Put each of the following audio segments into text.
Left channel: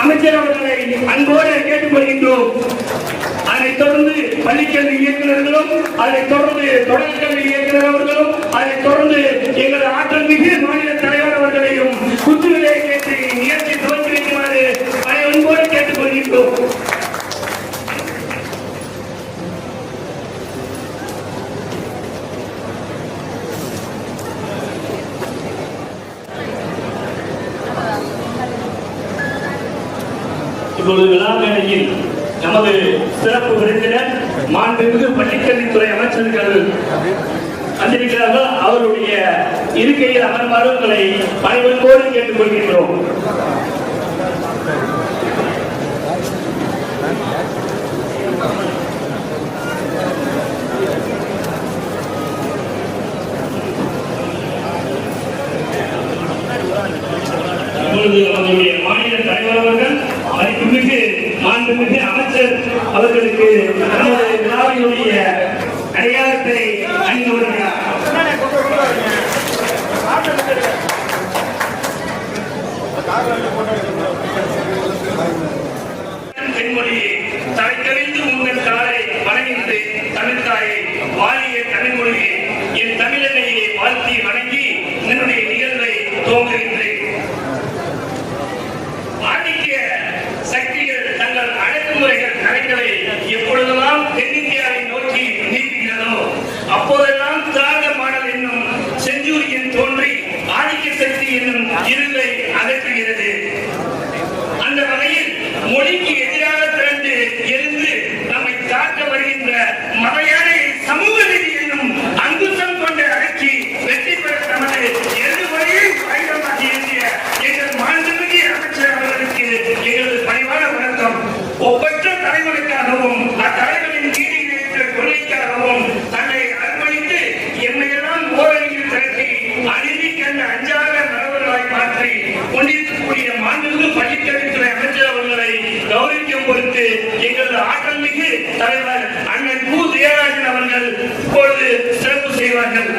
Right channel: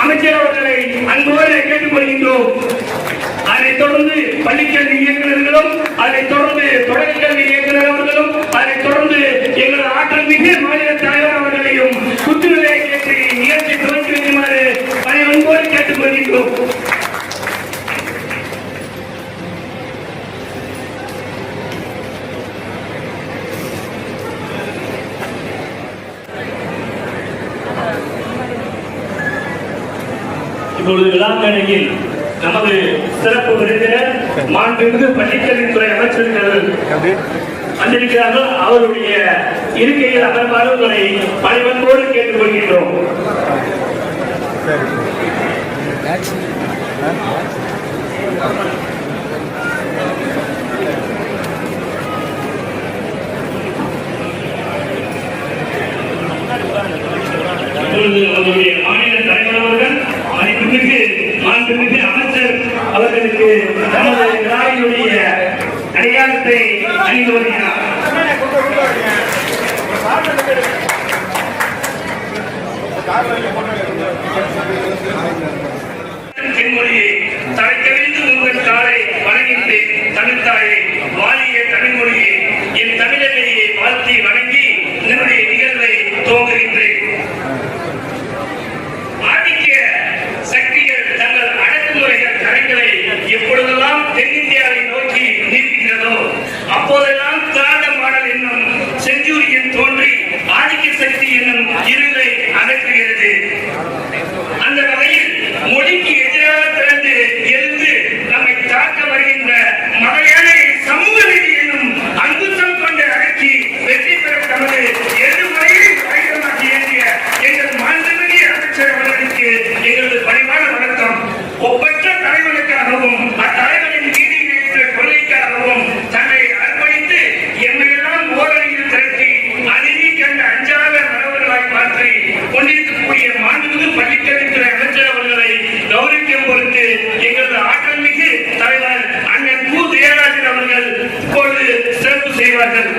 அமைச்சர் அவர்களை அன்போடு கேட்டுக்கொள்கின்றோம். அதைத் தொடர்ந்து பள்ளிக்கல்வி இயக்குநர்களும், அதைத் தொடர்ந்து தொடர்கல்வி இயக்குநர் அவர்களும், அதைத் தொடர்ந்து எங்கள் ஆற்றல் மிகு மாநில தலைவர் அவர்களையும் குத்துவிலை கேட்டு நிகழ்ச்சி துவக்கி வைக்குமாறு அதை அன்போடு கேட்டுக்கொள்கின்றோம். விழாமேடையில் நமது சிறப்பு விருந்தினர் மாண்புமிகு பள்ளிக்கல்வித்துறை அமைச்சர்கள் வந்திருக்கிறார்கள். அவருடைய இருக்கையில் அமர்வாறு உங்களை பணிவன்போடு கேட்டுக்கொள்கின்றோம். அவருடைய மாநில தலைவர் அவர்கள் மாண்புமிகு அமைச்சர் அவர்களுக்கு நமது விழாவினுடைய அடையாளத்தை அணிந்து வருகிறார். தென்மொழியை தலைக்கறிந்து உங்கள் தாயை வணங்கின்றேன். தமிழ்தாயை வாழிய தமிழ்மொழியை என் தமிழகையை வாழ்த்தி வணங்கி என்னுடைய நிகழ்வை துவங்குகின்றேன். எப்பொழுதெல்லாம் தென்னிந்தியாவை நோக்கி நீடிக்கிறதோ அப்போதெல்லாம் திராவிட மாடல் என்னும் செஞ்சூரியன் தோன்றி ஆதிக்க சக்தி என்னும் இருளை அகற்றுகிறது. அந்த வகையில் மொழிக்கு எதிராக பிறந்து எழுந்து நம்மை தாக்க வருகின்ற மலையாளை சமூக நீதி என்னும் அங்குசம் கொண்டு அகற்றி வெற்றி பெற தமது எதிர்மறையை ஆயுதமாக ஏற்றிய எங்கள் மாண்புமிகு அமைச்சர் அவர்களுக்கு எங்களது பணிவான வணக்கம். ஒப்பற்ற தலைவனுக்காகவும் அத்தலைவரின் நீதி நிலைத்த கொள்கைக்காகவும் தன்னை அர்ப்பணித்து எம்மையெல்லாம் ஓரணியில் திரட்டி அநீதி கண்ட அஞ்சாத மரபுகளாய் மாற்றி கொண்டிருக்கக்கூடிய மாண்புமிகு பள்ளிக்கல்வித்துறை அமைச்சர் அவர்களை கௌரவிக்கும் பொருட்டு எங்களது ஆற்றல் மிகு தலைவர் அண்ணன் கு. ஜெயராஜன் அவர்கள் இப்பொழுது சிறப்பு செய்வார்கள்.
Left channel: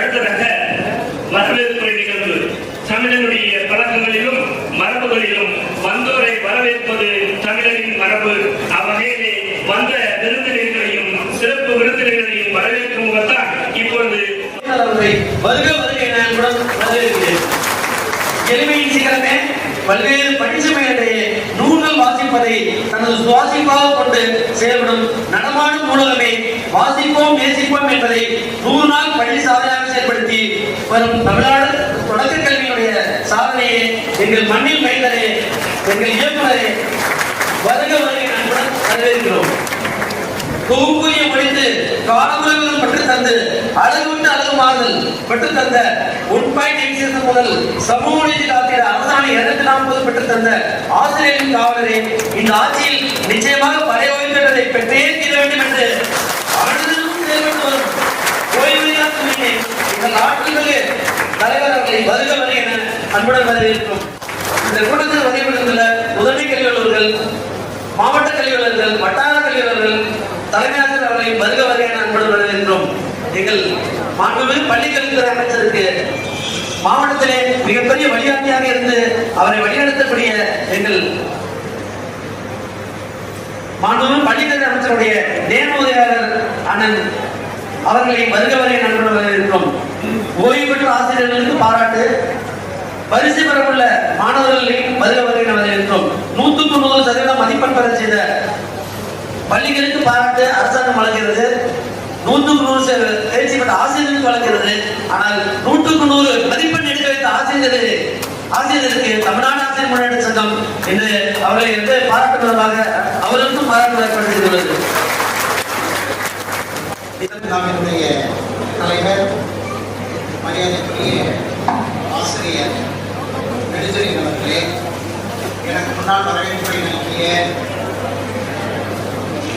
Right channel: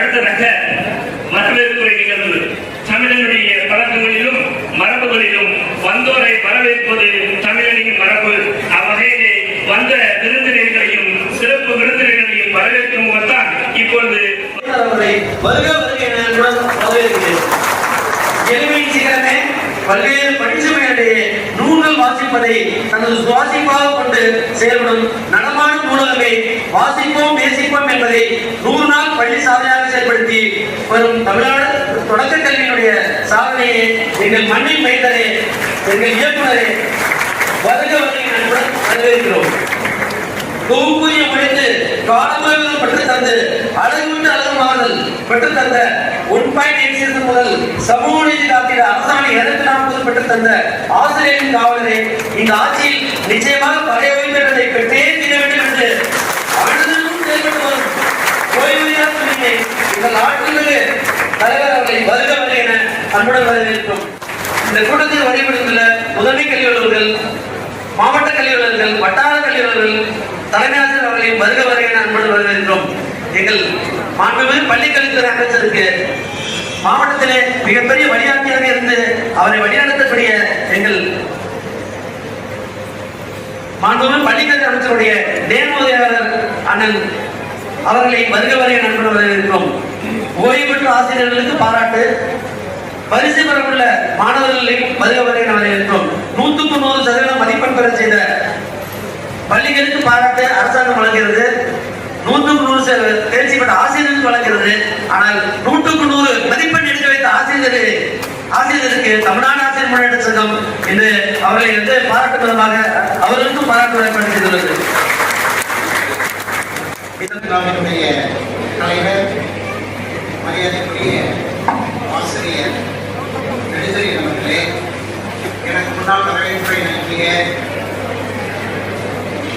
அடுத்ததாக வரவேற்புரை நிகழ்வு. தமிழனுடைய பழக்கங்களிலும் மரபுகளிலும் வந்தோரை வரவேற்பது தமிழனின் மரபு. அவ்வகையிலே வந்த விருந்தினர்களையும் சிறப்பு விருந்தினர்களையும் வரவேற்கும் முகத்தான் இப்பொழுது பல்வேறு பட்டிசுமையிடையே நூல்கள் வாசிப்பதை தனது சுவாசிப்பாக கொண்டு செயல்படும் நடமாடும் ஊடகமே வாசிப்போம் நேசிப்போம் என்பதை 100 நாள் பள்ளி சாதனையாக செயல்படுத்தி வரும் தமிழ்நாடு தொடக்க கல்வியினுடைய சாதனையை எங்கள் மண்ணில் மைந்தரே, எங்கள் இயக்குநரே, வருக வருகை நண்புடன் வரவேற்கிறோம். தொகுப்புரிய மொழிந்து காலமுழுவதும் பெற்று தந்து அழகு விட்டு அழகு மாறுதல் பெற்று தந்த 1.8 முதல் சமூக நீதி காத்திட அரசாணை 240 பெற்று தந்த ஆசிரியரின் காவலரை இந்த ஆட்சியில் நிச்சயமாக பழைய வைத்ததை பெற்றே தீர வேண்டும் என்று அனைவருக்கும் செயல்பட்டு வரும் ஓய்வூதிய இந்த நாட்டிற்கு தலைவர் அவர்களை வருக வரை என அன்புடன் வரவேற்கிறோம். இந்த கூட்டத்தில் வழிபடுகின்ற முதன்மை கல்வி அலுவலர்கள், மாவட்ட கல்வி அலுவலர்கள், வட்டார கல்வி அலுவலர்கள், தலைமை ஆசிரியர் அவர்களையும் வருக வரை என அன்புடன் வரவேற்கிறோம். எங்கள் மாண்புமிகு பள்ளிக்கல்வித்துறை அமைச்சருக்கு மாவட்டத்திலே மிகப்பெரிய வழிகாட்டியாக இருந்து அவரை வழிநடத்தக்கூடிய எங்கள் மாண்புமிகு பள்ளிக்கல்வி அமைச்சருடைய தேனோதயாளர் அண்ணன் அவர்களை வருக வரை நண்பர்கள் வரவேற்கிறோம். ஓய்வு பெற்ற ஆசிரியர்களுக்கு பாராட்டு, பரிசு பெறவுள்ள மாணவர்களையும் வருக வரை வரவேற்கிறோம். 100% மதிப்பெண் பெற செய்த பள்ளிகளுக்கு பாராட்டு அரசாங்கம் வழங்குகிறது, 100க்கு 100 தேர்ச்சி பெற்ற ஆசிரியர்களுக்கு வழங்குகிறது. ஆனால் 100க்கு 100 மதிப்பெண் எடுக்க வைத்த ஆசிரியருக்கு தமிழ்நாடு ஆசிரியர் முன்னேற்ற சங்கம் என்று அவர்களை வந்து பாராட்டும் விதமாக அவர்களுக்கும் பாராட்டு வழங்கப்பட்டு செய்துள்ளது. நம்முடைய தலைவர் மரியாதைக்குரிய ஆசிரியர் நெடுஞ்செழியன் அவர்களே, எனக்கு முன்னால் வரவேற்பை நல்கிய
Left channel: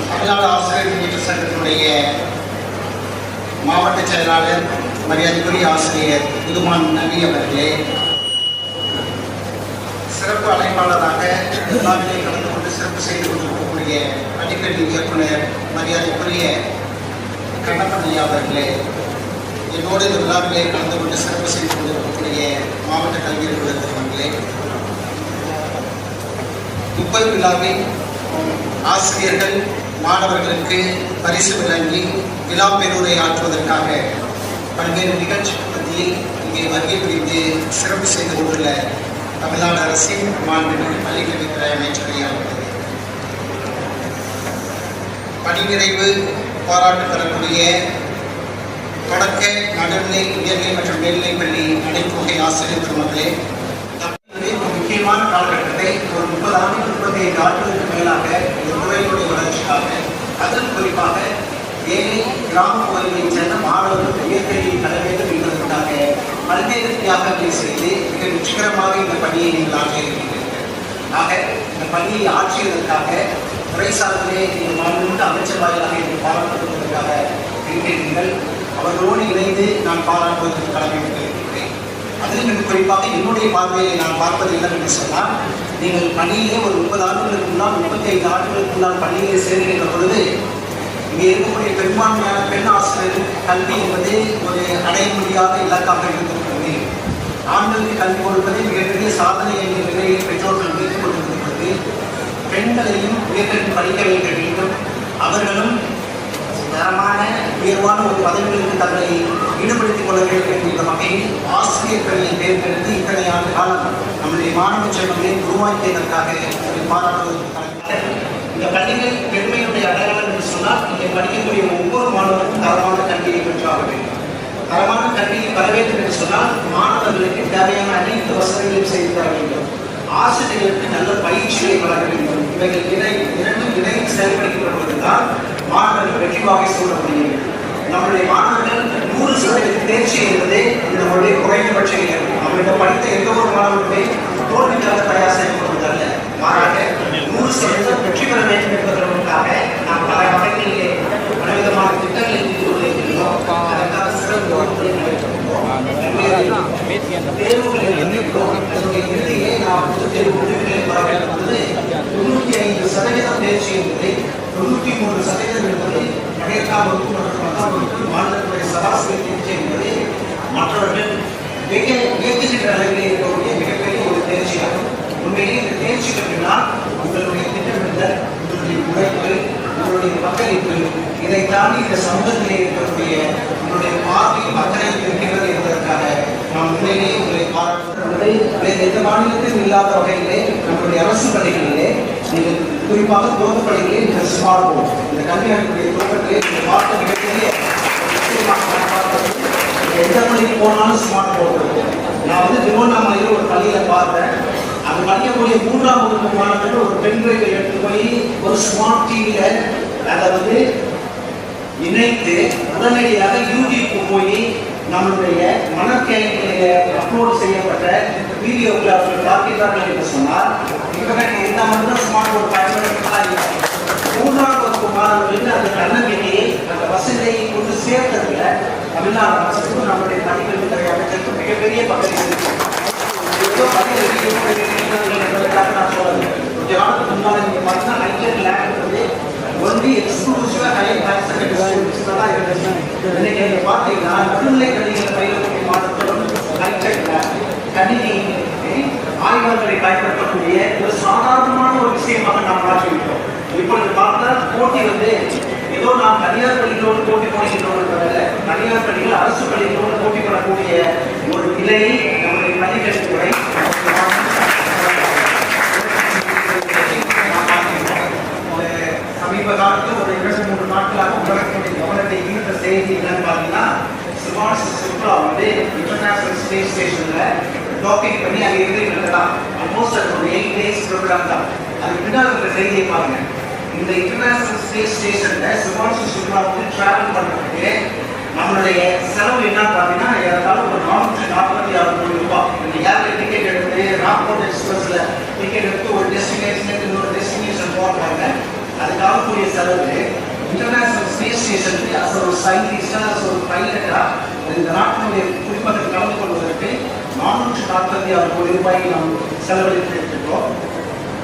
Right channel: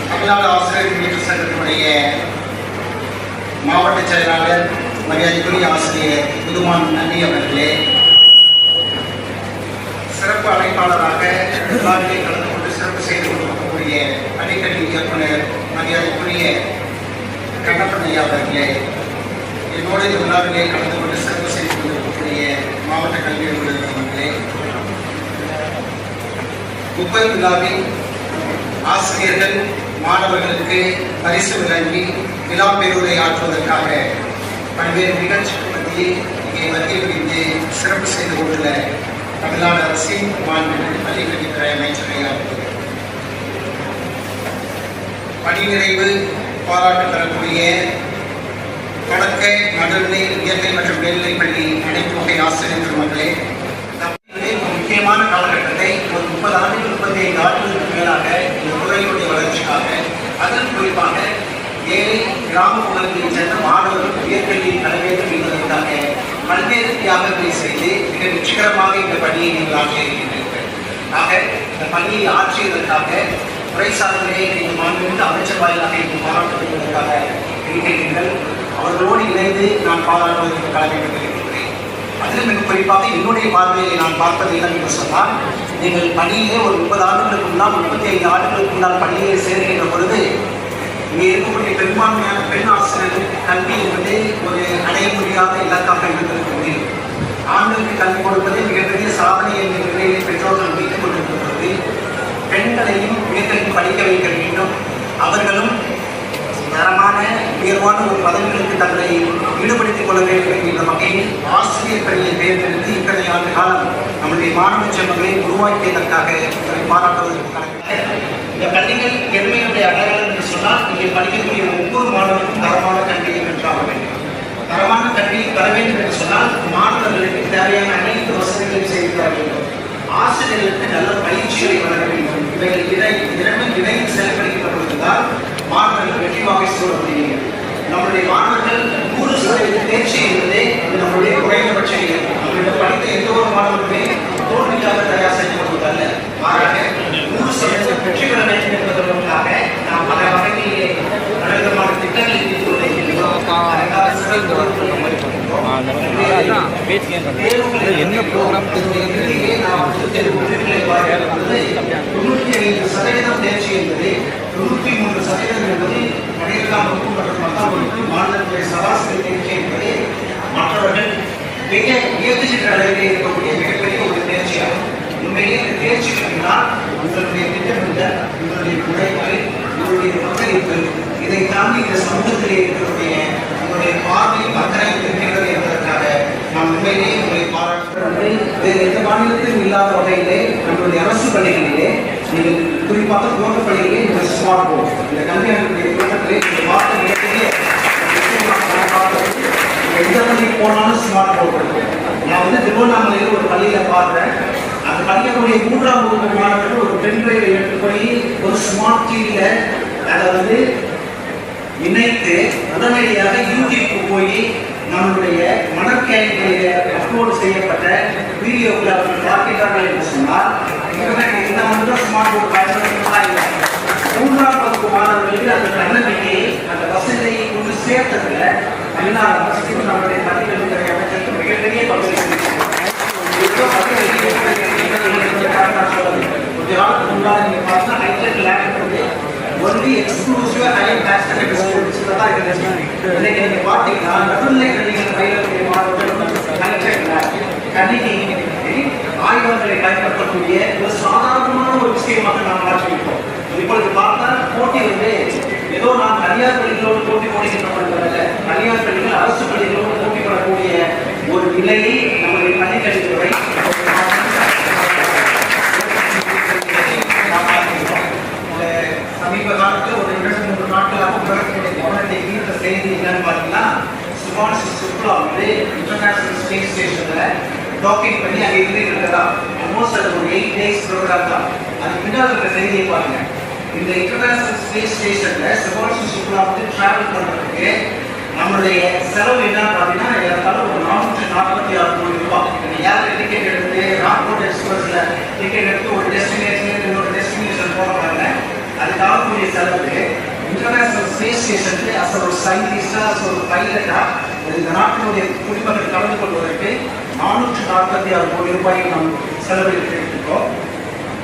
தமிழ்நாடு ஆசிரியர் முன்னேற்ற சங்கத்தினுடைய மாவட்ட செயலாளர் மரியாதைக்குரிய ஆசிரியர் புதுமான் நபி அவர்களே, சிறப்பு அழைப்பாளராக விழாவிலே கலந்து கொண்டு சிறப்பு செய்து கொண்டிருக்கக்கூடிய அடிக்கடி இயக்குனர் மரியாதைக்குரிய கண்ணப்பன் ஐயா அவர்களே, என்னோடு இந்த விழாவிலே கலந்து கொண்டு சிறப்பு செய்து கொண்டிருக்கக்கூடிய மாவட்ட கல்வி அலுவலர் அவர்களே, 30 விழாவில் ஆசிரியர்கள் மாணவர்களுக்கு பரிசு வழங்கி விழா பேருரை ஆற்றுவதற்காக பல்வேறு நிகழ்ச்சிகள் மத்தியில் இங்கே வருகை புரிந்து சிறப்பு செய்து கொண்டுள்ள தமிழ்நாடு அரசின் மாண்புமிகு பள்ளிக்கல்வித்துறை அமைச்சர் ஐயா அவர்களே, பணி நிறைவு பாராட்டு தரக்கூடிய தொடக்க நடுநிலை உயர்நிலை மற்றும் மேல்நிலைப் பள்ளி அனைத்து வகை ஆசிரியர் பெருமக்களே, ஒரு முக்கியமான காலகட்டத்தை ஒரு 30 ஆண்டு 35 ஆண்டுகளுக்கு மேலாக இந்த துறையினுடைய வளர்ச்சிக்காக, அதில் குறிப்பாக ஏழை கிராம பகுதிகளில் சேர்ந்த மாணவர்கள் உயர்கல்வியை கல வேண்டும் என்பதற்காக பல்வேறு தியாகங்களை செய்து மிக வெற்றிகரமாக இந்த பணியை நீங்கள் ஆற்றியிருக்கிறீர்கள். ஆக இந்த பணியை ஆற்றியதற்காக துறை சார்பிலே நீங்கள் மாண்புமிகு அமைச்சர் வாயிலாக நீங்கள் பாராட்டுவதற்காக இருக்கிறீர்கள். அவர்களோடு இணைந்து நான் பாராட்டுவதற்கு வழங்கியிருக்கிறேன். அதிலும் மிக குறிப்பாக என்னுடைய பார்வையை நான் பார்ப்பது இடம் என்று சொன்னால், நீங்கள் பணியிலே ஒரு 30 ஆண்டுகளுக்கு முன்னால் 35 ஆண்டுகளுக்கு முன்னால் பணியிலே சேர்க்கின்ற பொழுது இங்கே இருக்கக்கூடிய பெரும்பான்மையான பெண் ஆசிரியர்கள் கல்வி என்பது ஒரு அடைய முடியாத இலக்காக இருந்திருக்கிறது. ஆண்களுக்கு கல்வி கொடுப்பது மிகப்பெரிய சாதனை என்ற நிலையை பெற்றோர்கள் மீட்டுக் கொண்டிருக்கிறது. பெண்களையும் உயர்கல்வி படிக்க வைக்க வேண்டும், அவர்களும் தரமான உயர்வான ஒரு பதவிகளுக்கு தங்களை ஈடுபடுத்திக் கொள்ள வேண்டும் என்கின்ற வகையில் ஆசிரியர் பணியை தேர்ந்தெடுத்து இத்தனை ஆண்டு காலம் நம்முடைய மாணவ செல்வங்களை உருவாக்கியதற்காக இதை பாராட்டுவதற்காக இந்த பள்ளிகள் எதிர்மையுடைய அடையாளம் என்று சொன்னால், இங்கே படிக்கக்கூடிய ஒவ்வொரு மாணவருக்கும் தரமான கல்வியை பெற்றாக வேண்டும். தரமான கல்வியை பெற வேண்டும் என்று சொன்னால் மாணவர்களுக்கு தேவையான அனைத்து வசதிகளையும் செய்து தர வேண்டும். ஆசிரியர்களுக்கு நல்ல பயிற்சிகளை வழங்க வேண்டும். இவைகள் இணைந்து செயல்படுத்தப்படுவதால் மாணவர்கள் வெற்றி வாகை சூழ முடியும். நம்முடைய மாணவர்கள் 100% தேர்ச்சி என்பதே நம்முடைய குறைந்தபட்ச நிலை. அவர்களிடம் படித்த எந்த ஒரு மாணவர்களுமே தோல்விக்காக தயார் செய்யப்படுவதல்ல, மாறாக 100% வெற்றி பெற வேண்டும் என்பதற்காக நாம் பல வகைகளிலே பலவிதமான திட்டங்களை தீர்த்து கொண்டிருக்கிறோம். அதற்காக சிறப்பு வகுப்புகள் நடத்துகின்றோம். என்ன ப்ரோக்ராம் இறுதியிலே நாம் விருதுகளை வரவேற்பது 95% தேர்ச்சி என்பது 93% என்பது கடையெல்லாம் வகுப்பு மற்றும் 10ஆம் வகுப்பு மாநிலத்துடைய சராசரி தேர்ச்சி என்பது மற்றவர்கள் மிக உயர்ந்த அளவிலே இருக்கக்கூடிய மிகப்பெரிய ஒரு தேர்ச்சியாகும். உண்மையிலே இந்த தேர்ச்சி பெற்றால் உங்களுடைய திட்டமிடல், உங்களுடைய உழைப்பு, உங்களுடைய பங்களிப்பு, இதை தாண்டி இந்த சமூகத்திலே இருக்கக்கூடிய உங்களுடைய பார்வையும் அத்தனை இருக்கிறது என்பதற்காக நாம் உண்மையிலேயே உங்களை பாராட்டுவதை வேறு எந்த மாநிலத்திலும் இல்லாத வகையிலே உங்களுடைய அரசு பள்ளிகளிலே நீங்கள் குறிப்பாக துவக்க பள்ளிகளே இந்த ஸ்மார்ட் போர்டு, இந்த கல்வியாளர்களுடைய துவக்கத்திலே இந்த பாட்டு மிகப்பெரிய எந்த பள்ளிக்கு போனாலும் ஸ்மார்ட் போர்டு இருக்கு. நான் வந்து திருவண்ணாமலையில் ஒரு பள்ளியில பார்த்தேன். அந்த படிக்கக்கூடிய 3ஆம் வகுப்பு மாணவர்கள் ஒரு பெண் டிரைவை எடுத்து போய் ஒரு ஸ்மார்ட் டிவியில அதை வந்து இணைத்து உடனடியாக யூடியூப்க்கு போய் நம்மளுடைய மனக்கேள்விகளில அப்லோடு செய்யப்பட்ட வீடியோக்களை அவர்கள் பார்க்கிறார்கள் என்று சொன்னால், இந்த மட்டும் ஸ்மார்ட் போர்டு பயன்படுத்தலாம் இல்லை. 3ஆம் வகுப்பு மாணவர்களுக்கு அந்த தன்னம்பிக்கையை, அந்த வசதியை கொண்டு சேர்த்ததுல தமிழ்நாடு அரசுக்கும் நம்முடைய பள்ளிக்கல்வித்துறை அமைச்சருக்கு மிகப்பெரிய பங்களிப்பு. முன்னாடி நீங்க பார்த்தா ஹைடெக் லேப் வந்து ஒன்லி எக்ஸ்க்ளூசிவா ஹையர் கிளாஸ் இன்னைக்கு நீங்க பாத்தீங்கன்னா நடுநிலை கல்விகள் பயிலக்கூடிய மாணவர்கள் கணினி ஆய்வகங்களை பயன்படுத்தக்கூடிய ஒரு சாதாரணமான ஒரு விஷயமாக நாம் மாற்றிவிட்டோம். இப்பொழுது பார்த்தா போட்டி வந்து ஏதோ நாம் தனியார் பள்ளிகளோடு போட்டி போடுகிறோம், தனியார் பள்ளிகள் அரசு பள்ளிகளோடு போட்டி போடக்கூடிய ஒரு நிலையை நம்முடைய பள்ளிக்கல்வித்துறை சமீப சமீப காலத்துல ஒரு 2-3 நாட்களாக உலகத்தினுடைய கவனத்தை ஈர்த்த செய்தி என்னன்னு பார்த்தீங்கன்னா, சுபாஷ் சுக்லா வந்து இன்டர்நேஷனல் ஸ்பேஸ் ஸ்டேஷன்ல டாக்கிங் பண்ணி அங்கே இருந்துட்டு தான் ஆல்மோஸ்ட் அது ஒரு 8 டேஸ் ப்ரோக்ராம் தான். அது பின்னால் இருக்கிற செய்தியை பாருங்க. இந்த இன்டர்நேஷனல் ஸ்பேஸ் ஸ்டேஷன்ல சுபாஷ் சுக்லா வந்து டிராவல் பண்றதுக்கு நம்மளுடைய செலவு என்ன பார்த்தீங்கன்னா ஏதாவது ஒரு 446 கோடி ரூபாய். ஏர் டிக்கெட் எடுத்து ராக்போர்ட் எக்ஸ்பிரஸ்ல டிக்கெட் எடுத்து ஒரு டெஸ்டினேஷன் இன்னொரு டெஸ்டினேஷன் போறாங்க. அதுக்காக கூடிய செலவு இன்டர்நேஷனல் ஸ்பேஸ் ஸ்டேஷனுக்கு அஸ் ஒரு சயின்டிஸ்டா அஸ் ஒரு பைலட்டா இந்த நாட்டினுடைய குடிமக்கள் கலந்து கொள்வதற்கு 446 கோடி ரூபாய்க்கு நாம் செலவழித்திருக்கிறோம்.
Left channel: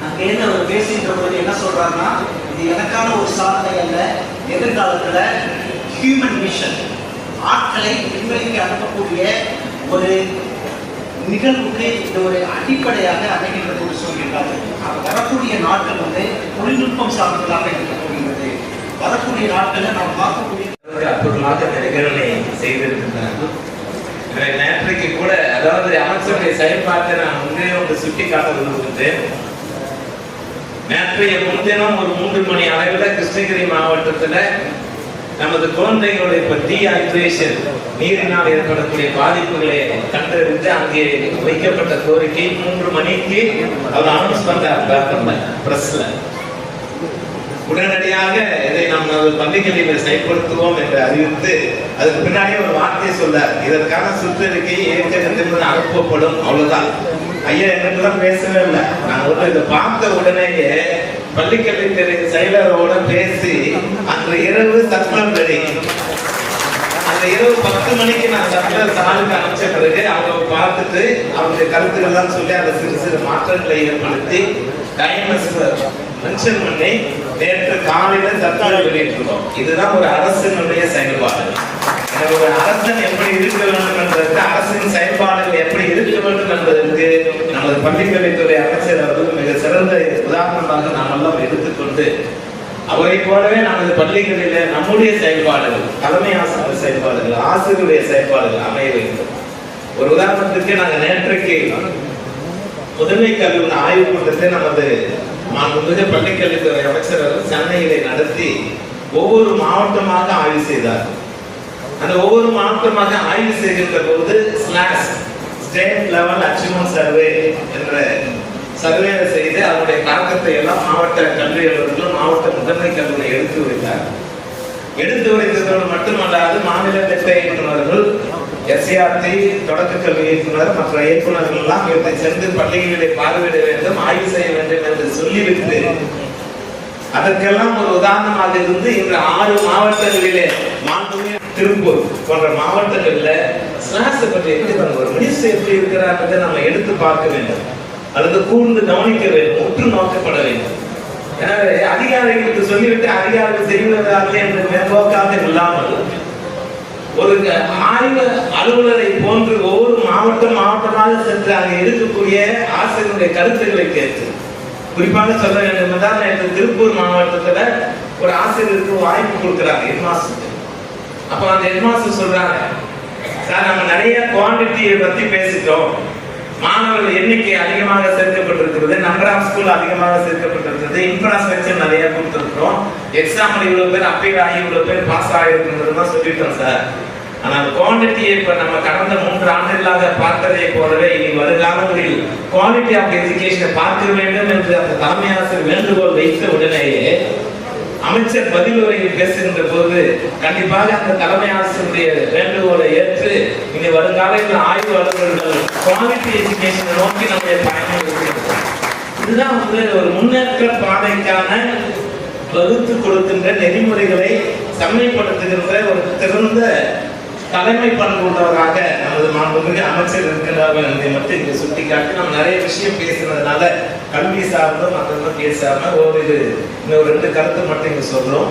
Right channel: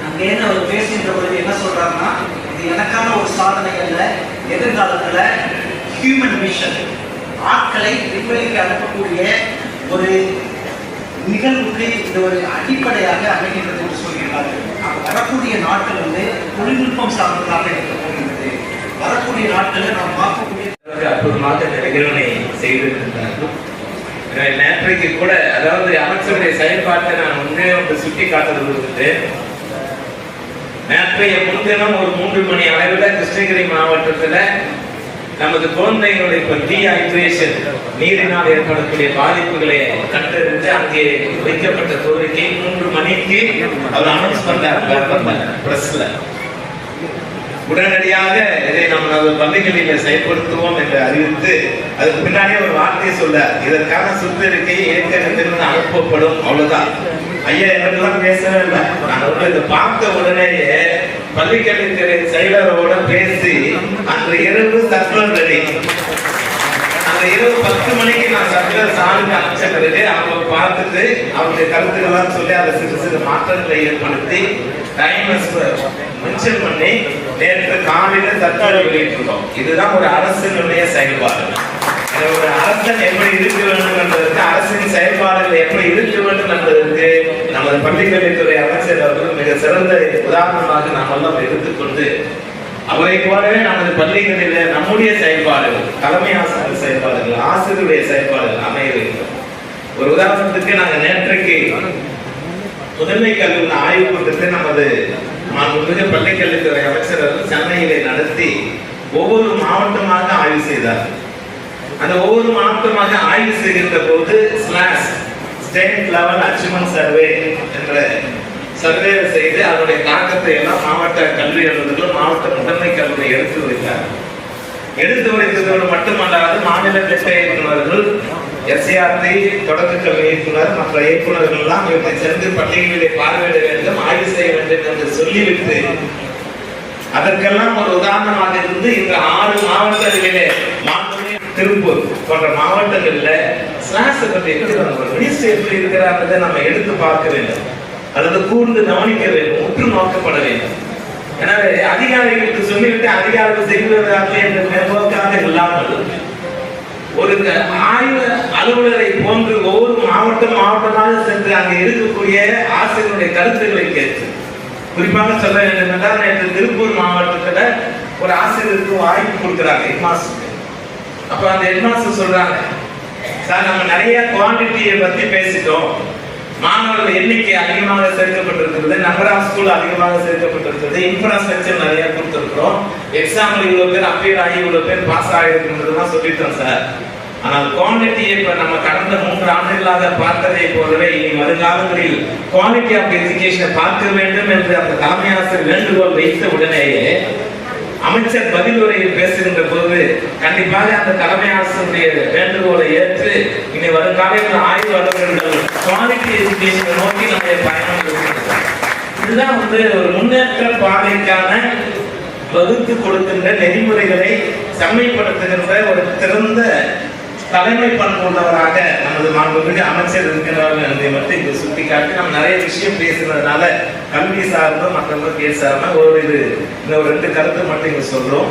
அங்கேருந்து அவர் பேசுகின்ற போது என்ன சொல்றாங்கன்னா, இது எனக்கான ஒரு சாதனை அல்ல, எதிர்காலத்துல ஹியூமன் மிஷன் ஆட்களை விண்வெளிக்கு அனுப்பக்கூடிய ஒரு நிகழ்வுக்கு இது ஒரு அடிப்படையாக அமைகின்றது என்று சொல்கிறார்கள். வரக்கூடிய நாட்கள் வந்து தொழில்நுட்பம் சார்ந்ததாக இருக்கக்கூடியது. வரக்கூடிய நாட்களை நாம் பார்க்கக்கூடிய அற்புதமாக இந்த நிகழ்வை செய்திருக்கிறார்கள். நேற்றைக்கு கூட அதாவது அமைச்சருடைய செயல்பாட்டை நான் முன்னே சுட்டி காட்ட விரும்புகிறேன். நேற்றைய முன்தினம் ஒரு 3 மணி அளவில் கிருஷ்ணகிரி மாவட்டத்தில் நமது குழந்தைகளுடைய டீஹைட்ரேஷன் நீரினால் ஏற்படக்கூடிய பாதிப்புகளை கண்டறிந்து அங்கே வைக்கப்பட்ட கோரிக்கை 3 மணிக்கு அவர் அனௌன்ஸ் பண்றார் பிரஸ்ல. உடனடியாக இதை நம்ம பள்ளிகளில் செயல்படுத்துவோம் என்று அறிவித்து அதுக்கு பின்னாடியே ஒரு வார்த்தையை சொல்றார், இதற்கான சுற்றறிக்கையை ஏற்கனவே அனுப்பப்படும். அவ்வளவுதான். ஐயா எங்கெல்லாம் பேசவே இல்லை. நான் இதை பார்த்த உடனேயே பள்ளிக்கல்வித்துறை செயலரோட பேசி அன்று இரவு சர்க்குலர் ரெடி. அந்த இரவு 10 மணிக்கு நான் சர்க்குலர் சாருக்கு அனுப்பிச்ச பிறகு அவங்க பார்த்துட்டு அவருடைய கருத்துக்கள்லாம் சொல்லி அதை சிறு மாற்றங்களை ஏற்படுத்தி டைமர்ஸ் மென்ஷன் பண்ணி நேற்று காலையில சர்க்குலர் வெளியிட்டுள்ளோம். இதுதான் ஒரு அரசினுடைய செயல்பாடு. ஒரு அரசன் எப்படி இருக்க வேண்டும் என்பதற்கு, அரசின் செயல்பாடுகள் எப்படி இருக்க வேண்டும் என்பதற்கு நமது பள்ளிக்கல்வித்துறை அமைச்சர் அவர்கள் மிக சிறந்த உதாரணமாக நாம் எல்லாம் எடுத்துக்கொண்டு அவரை போலவே நமது பள்ளிகளில் நம்முடைய செயல்பாடுகள், தலைமை ஆசிரியர் செயல்பாடுகள், ஆசிரியருடைய செயல்பாடுகள் அமைய வேண்டும். ஒரு உதாரணத்துக்கு நாங்கள் நேற்றைக்கு முதன்மை கல்வி ஆய்வு கூட்டத்தை நமது மாண்புமிகு பள்ளிக்கல்வித்துறை அமைச்சர் அவர்கள் சென்னையிலே நடத்தி ஒவ்வொரு மாவட்டமாக ஆய்வு செய்தார். அந்த ஒவ்வொரு மாவட்டமாக ஆய்வு செய்கின்ற போது ஸ்டேட் லெவல் அச்சீவ்மெண்ட் சர்வே என்ற சர்வே செய்து அதனுடைய தாக்கத்தை எல்லாம் மாவட்ட கல்வி அலுவலர்களும் மாவட்ட முதன்மை கல்வியை எடுத்து வைத்தார். எடுத்து வைத்ததோடு மட்டுமல்லாது மாநில திட்ட இயக்குநர்கள், எஸ்ஏஆர்டி தொடக்க கல்வி இயக்குனர் மற்ற இயக்குநர்கள் எல்லாம் இவற்றை சென்று பள்ளிகளை பார்வையிட வேண்டும், ஆய்வு செய்ய வேண்டும் என்று சொல்லிவிட்டு அதற்கெல்லாம் ஒரு உதாரணமாக இருந்து இந்த 6 மாவட்டங்களிலே திருப்பூர் போன்ற மாவட்டங்கள்ல ஸ்நாக்ஸ் பற்றி ஒரு மினிஸ்டர் எப்படி இருக்கிறாங்க நம்ம எடுத்து பார்க்க வேண்டும், அல்லது கூர்ந்து கவனிக்க வேண்டும், உற்று நோக்கப்பட வேண்டும். எனவே அதிகாரிகளுக்கு சொல்லிவிட்டு அதிகாரிகள் செய்வதாக என்ற மேம்போக்காக இல்லாமல் ஒரு ஆய்வு அலுவலரை போன்று ஒவ்வொரு மாவட்டமாக சென்று அங்கே இருக்கக்கூடிய ஆசிரியருடைய கருத்துக்களை கேட்டு, குறிப்பாக சொல்ல வேண்டும் என்றால் நேற்று திருப்பூர் மாவட்டத்துல ஒரு ஆசிரியருக்கு வாய்ப்பு கொடுக்கிறாங்க ஹெட்மாஸ்டர். அப்ப அந்த ஹெட்மாஸ்டர் சொல்றாங்க, சார் நம்ம நிறைய குவான்டிட்டியை பத்தி பேசிட்டோம், மாணவர்கள் எண்ணிக்கை அதிகமாக சேர்க்கப்பட்டிருக்கிறது, நம்பர் ஆஃப் ஸ்கூல் அதிகமாக சேர்க்கப்பட்டிருக்கிறது, இன்ஃப்ராஸ்ட்ரக்சர் நிறைய கொடுத்திருக்கிறோம், எக்ஸாம்பிள் இவ்வளவு பேர் அப்பீல் ஆகி இவ்வளவு பேர் பாஸ் ஆகிருக்குன்றதுதான் சொல்லிட்டோம் சார். ஆனால் குவாலிட்டியை இப்ப நம்ம கடந்த 3 ஆண்டுகளாக பார்த்ததை போலவே இனி வருகாலங்களில் குவாலிட்டி ஆஃப் எஜுகேஷனை பார்க்க வேண்டும் என்று அந்த தலைமை ஆசிரியர் வேண்டுகோள் வைத்த உடனேயே அமைச்சர் பதில் உரையில் பேசுகின்ற போது கண்டிப்பாக அந்த தலைமை ஆசிரியருடைய வேண்டுகோளை ஏற்று இனி வருங்காலத்தில் ஆய்வாளர்கள் குவாலிட்டி எஜுகேஷனை நோக்கி நம்முடைய பயணம் இருக்கிறோம். இதுதான் ஒரு முன்னேற்ற பாதைக்கான வகுத்து கொடுக்கின்ற நெறிமுறைகளை செம்மைப்படுத்துகின்ற ஒரு திறந்த தலைமை பண்பு உள்ளவராக நமது மாண்புமிகு அமைச்சர் இருக்கிறார்கள் என்பதை மட்டும் இங்கு சுட்டிக்காட்டி நம்ம நிறைய விஷயம் பேசுனதுனால கல்வி சார்ந்தும் மற்றவங்க பேசாம ஒரு 2 கருத்து மட்டும் இங்க சொல்றோம்.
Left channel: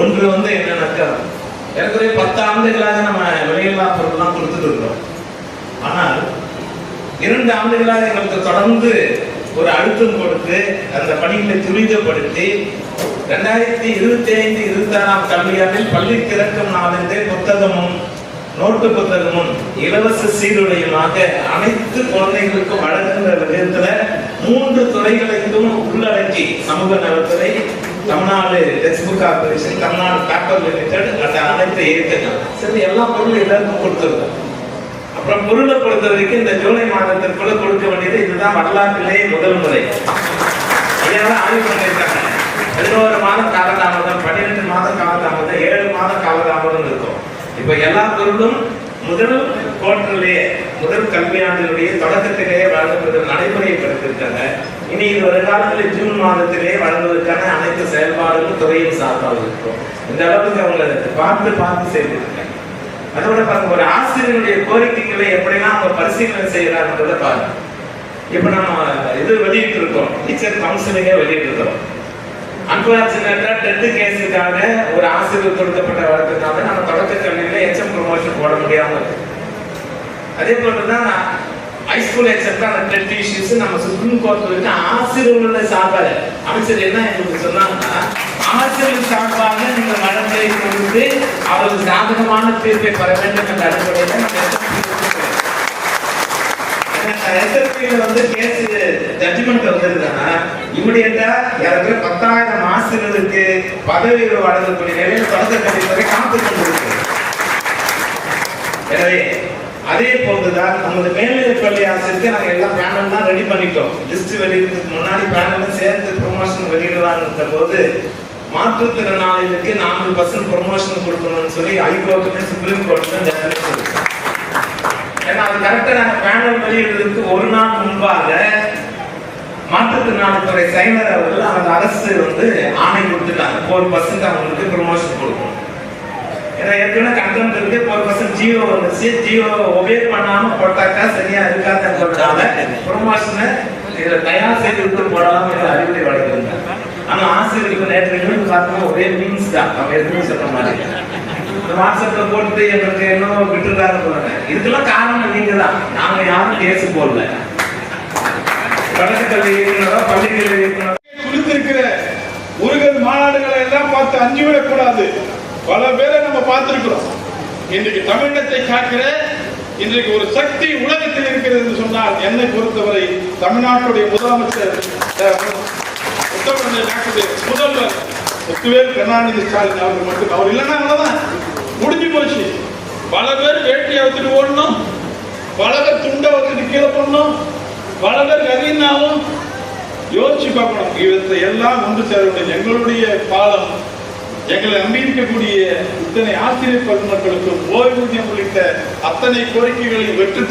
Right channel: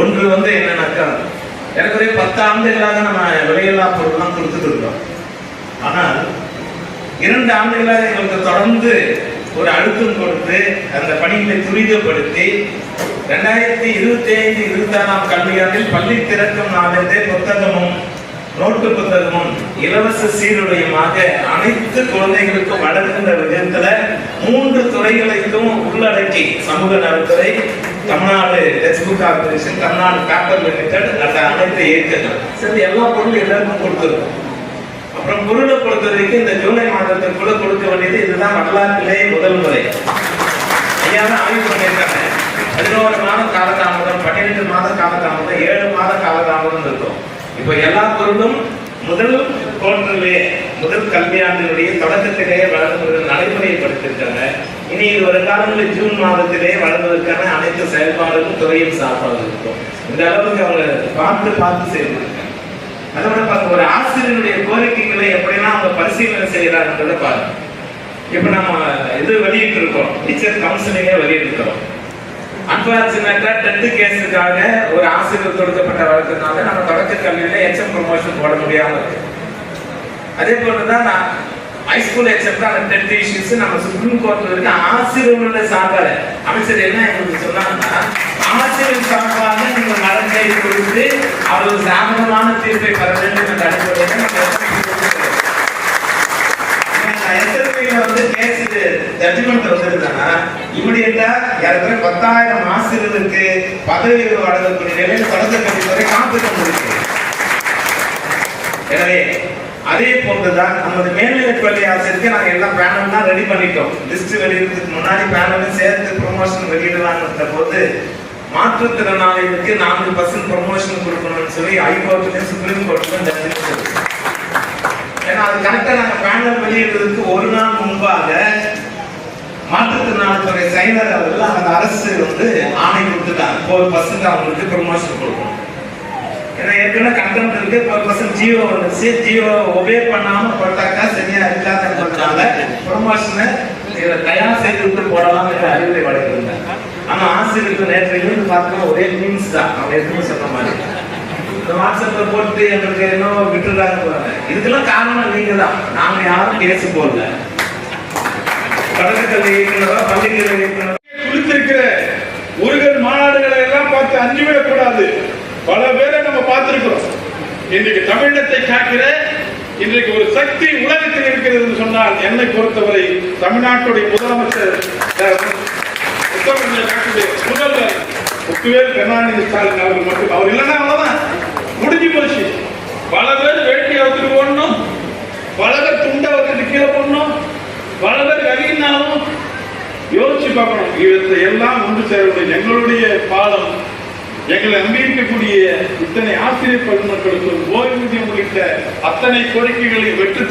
ஒன்று என்னன்னாக்கா, எனக்கு 10 ஆண்டுகளாக நம்ம வெளியில்லா பொருட்கள்லாம் கொடுத்துட்டு இருக்கோம். ஆனால் 2 ஆண்டுகளாக எங்களுக்கு தொடர்ந்து ஒரு அழுத்தம் கொடுத்து அந்த பணிகளை துரிதப்படுத்தி 2025-26 கல்வியாண்டில் பள்ளி திறக்கும் நாளிலே புத்தகமும் நோட்டு புத்தகமும் இலவச சீருடையுமாக அனைத்து குழந்தைகளுக்கும் வழங்குகின்ற விதத்துல 3 துறைகளுக்கும் உள்ளடக்கி சமூக நலத்துறை, Tamil Nadu Tamil Nadu text book corporation, Tamil Nadu paper limited, அந்த அனைத்து இயக்கங்கள் சரி எல்லா பொருளும் எல்லாருக்கும் கொடுத்துருக்கோம். அப்புறம் பொருளை பொறுத்த வரைக்கும் இந்த ஜூலை மாதத்திற்குள்ள கொடுக்க வேண்டியது இதுதான் வரலாற்றிலேயே முதல் முறை. ஐயாவும் ஆய்வு பண்ணியிருக்காங்க. 11 மாதம் காலதாமதம், 12 மாதம் காலதாமதம், 7 மாதம் காலதாமதம் இருக்கும். இப்ப எல்லா பொருளும் முதல் குவார்டர்லேயே, முதல் கல்வியாண்டினுடைய தொடக்கத்திலேயே வழங்குவதற்கு நடைமுறைப்படுத்திருக்காங்க. இனி இது வருங்காலங்களில் ஜூன் மாதத்திலேயே வழங்குவதற்கான அனைத்து செயல்பாடுகளும் துறையும் சார்பாக இருக்கும். இந்த அளவுக்கு அவங்க பார்த்து செய்திருக்காங்க. அதோட பார்க்க ஒரு ஆசிரியருடைய கோரிக்கைகளை எப்படின்னா அவங்க பரிசீலனை செய்யறாங்கன்றத பாருங்க. இப்ப நம்ம இது வெளியிட்டு இருக்கோம், டீச்சர் கவுன்சிலிங்கே வெளியிட்டு இருக்கோம். அன்பார்ச்சுனேட்டா 10th கேஸுக்காக ஒரு ஆசிரியர் கொடுக்கப்பட்ட வழக்குனால நம்ம தொடக்க கல்வியில எச்எம் ப்ரொமோஷன் போட முடியாம இருக்கு. அதே போலதான் ஹைஸ்கூல் எக்ஸப்ட் அந்த 10th இஷ்யூஸ் நம்ம சுப்ரீம் கோர்ட்ல இருக்க ஆசிரியர்களோட சார்பாக அமைச்சர் என்ன எங்களுக்கு சொன்னாங்கன்னா, ஆசிரியர் சார்பாக நீங்க வழக்கை கொடுத்து அவருக்கு சாதகமான தீர்ப்பை பெற வேண்டும் என்ற அடிப்படையில் கேஸ் ஜட்ஜ்மெண்ட் வந்திருந்தாங்கன்னா இமிடியேட்டா ஏற்கனவே 10,000 ஆசிரியர்களுக்கு பதவி வழங்கக்கூடிய நிலையில தொடக்க கல்வித்துறை காப்பீட்டு முடியும். எனவே அதே போன்றுதான் நமது மேல்நிலை பள்ளி ஆசிரியருக்கு நாங்க எல்லாம் பேனல்லாம் ரெடி பண்ணிட்டோம். லிஸ்ட் வெளியிடுறதுக்கு முன்னாடி பேனலும் சேர்த்து ப்ரொமோஷன் வெளியிடுவாங்க போது மாற்றுத்திறனாளிகளுக்கு 4% ப்ரொமோஷன் கொடுக்கணும்னு சொல்லி ஹைகோர்ட்டுக்கு சுப்ரீம் கோர்ட்டுக்கு ஜட்ஜ்மெண்ட் கொடுத்தோம். ஏன்னா அது கரெக்டா நாங்க பேனல் வெளியிடுறதுக்கு ஒரு நாள் முன்பாக மாற்றுத்திறனாளித்துறை செயலர் அவர்கள் அந்த அரசு ஆணை கொடுத்துட்டாங்க 4% அவங்களுக்கு ப்ரொமோஷன் கொடுக்கணும். ஏன்னா ஏற்கனவே கண்டென்ட் இருக்கு, 4% ஜியோ வந்துச்சு. ஜியோ ஒபே பண்ணாம போட்டாக்கா சரியா இருக்காதுன்றதுனால ப்ரொமோஷனை தயார் செய்து விட்டு போடலாம் என்று அறிவுரை வழங்கியிருந்தாங்க. ஆனா ஆசிரியருக்கு நேற்று இருந்து பார்த்தோம்னா ஒரே மீன்ஸ் தான், அவங்க எதுவுமே சொல்ற மாதிரி வாட்ஸ்அப்ல போட்டு எங்களுக்கு இன்னும் விட்டுறாங்க. இதுக்கெல்லாம் காரணம் நீங்க தான், நாங்க யாரும் கேஸ் போடல. தொடக்கக்கல்வி இயக்குனரோ பள்ளிக்கல்வி இயக்குனரோ குறித்திருக்கிற முருகன் மாநாடுகளை எல்லாம் பார்த்து அஞ்சு விடக்கூடாது. பல பேரை நம்ம பார்த்திருக்கிறோம். இன்றைக்கு தமிழினத்தை காக்கிற இன்றைக்கு ஒரு சக்தி உலகத்தில் இருக்கிறது என்று சொன்னால் என்னை பொறுத்தவரை தமிழ்நாட்டுடைய முதலமைச்சர் முதல்வர் முத்துவேல் கருணாநிதி ஸ்டாலின் அவர்கள் மட்டும். அவர் இல்லைன்னா அவ்வளவுதான், முடிஞ்சு போச்சு. பல பேர் வேட்டி அவுத்துட்டு ஓடணும், பல பேர் துண்டை வச்சுட்டு கீழே போடணும், பல பேர் கரீனாவும் யோசிச்சு பார்க்கணும். இவற்றை எல்லாம் ஒன்று சேரக்கூடிய எங்களுடைய பாலம், எங்களை நம்பியிருக்கக்கூடிய இத்தனை ஆசிரியர் பெருமக்களுக்கும் ஓய்வூதியம் உள்ளிட்ட அத்தனை கோரிக்கைகளை வென்று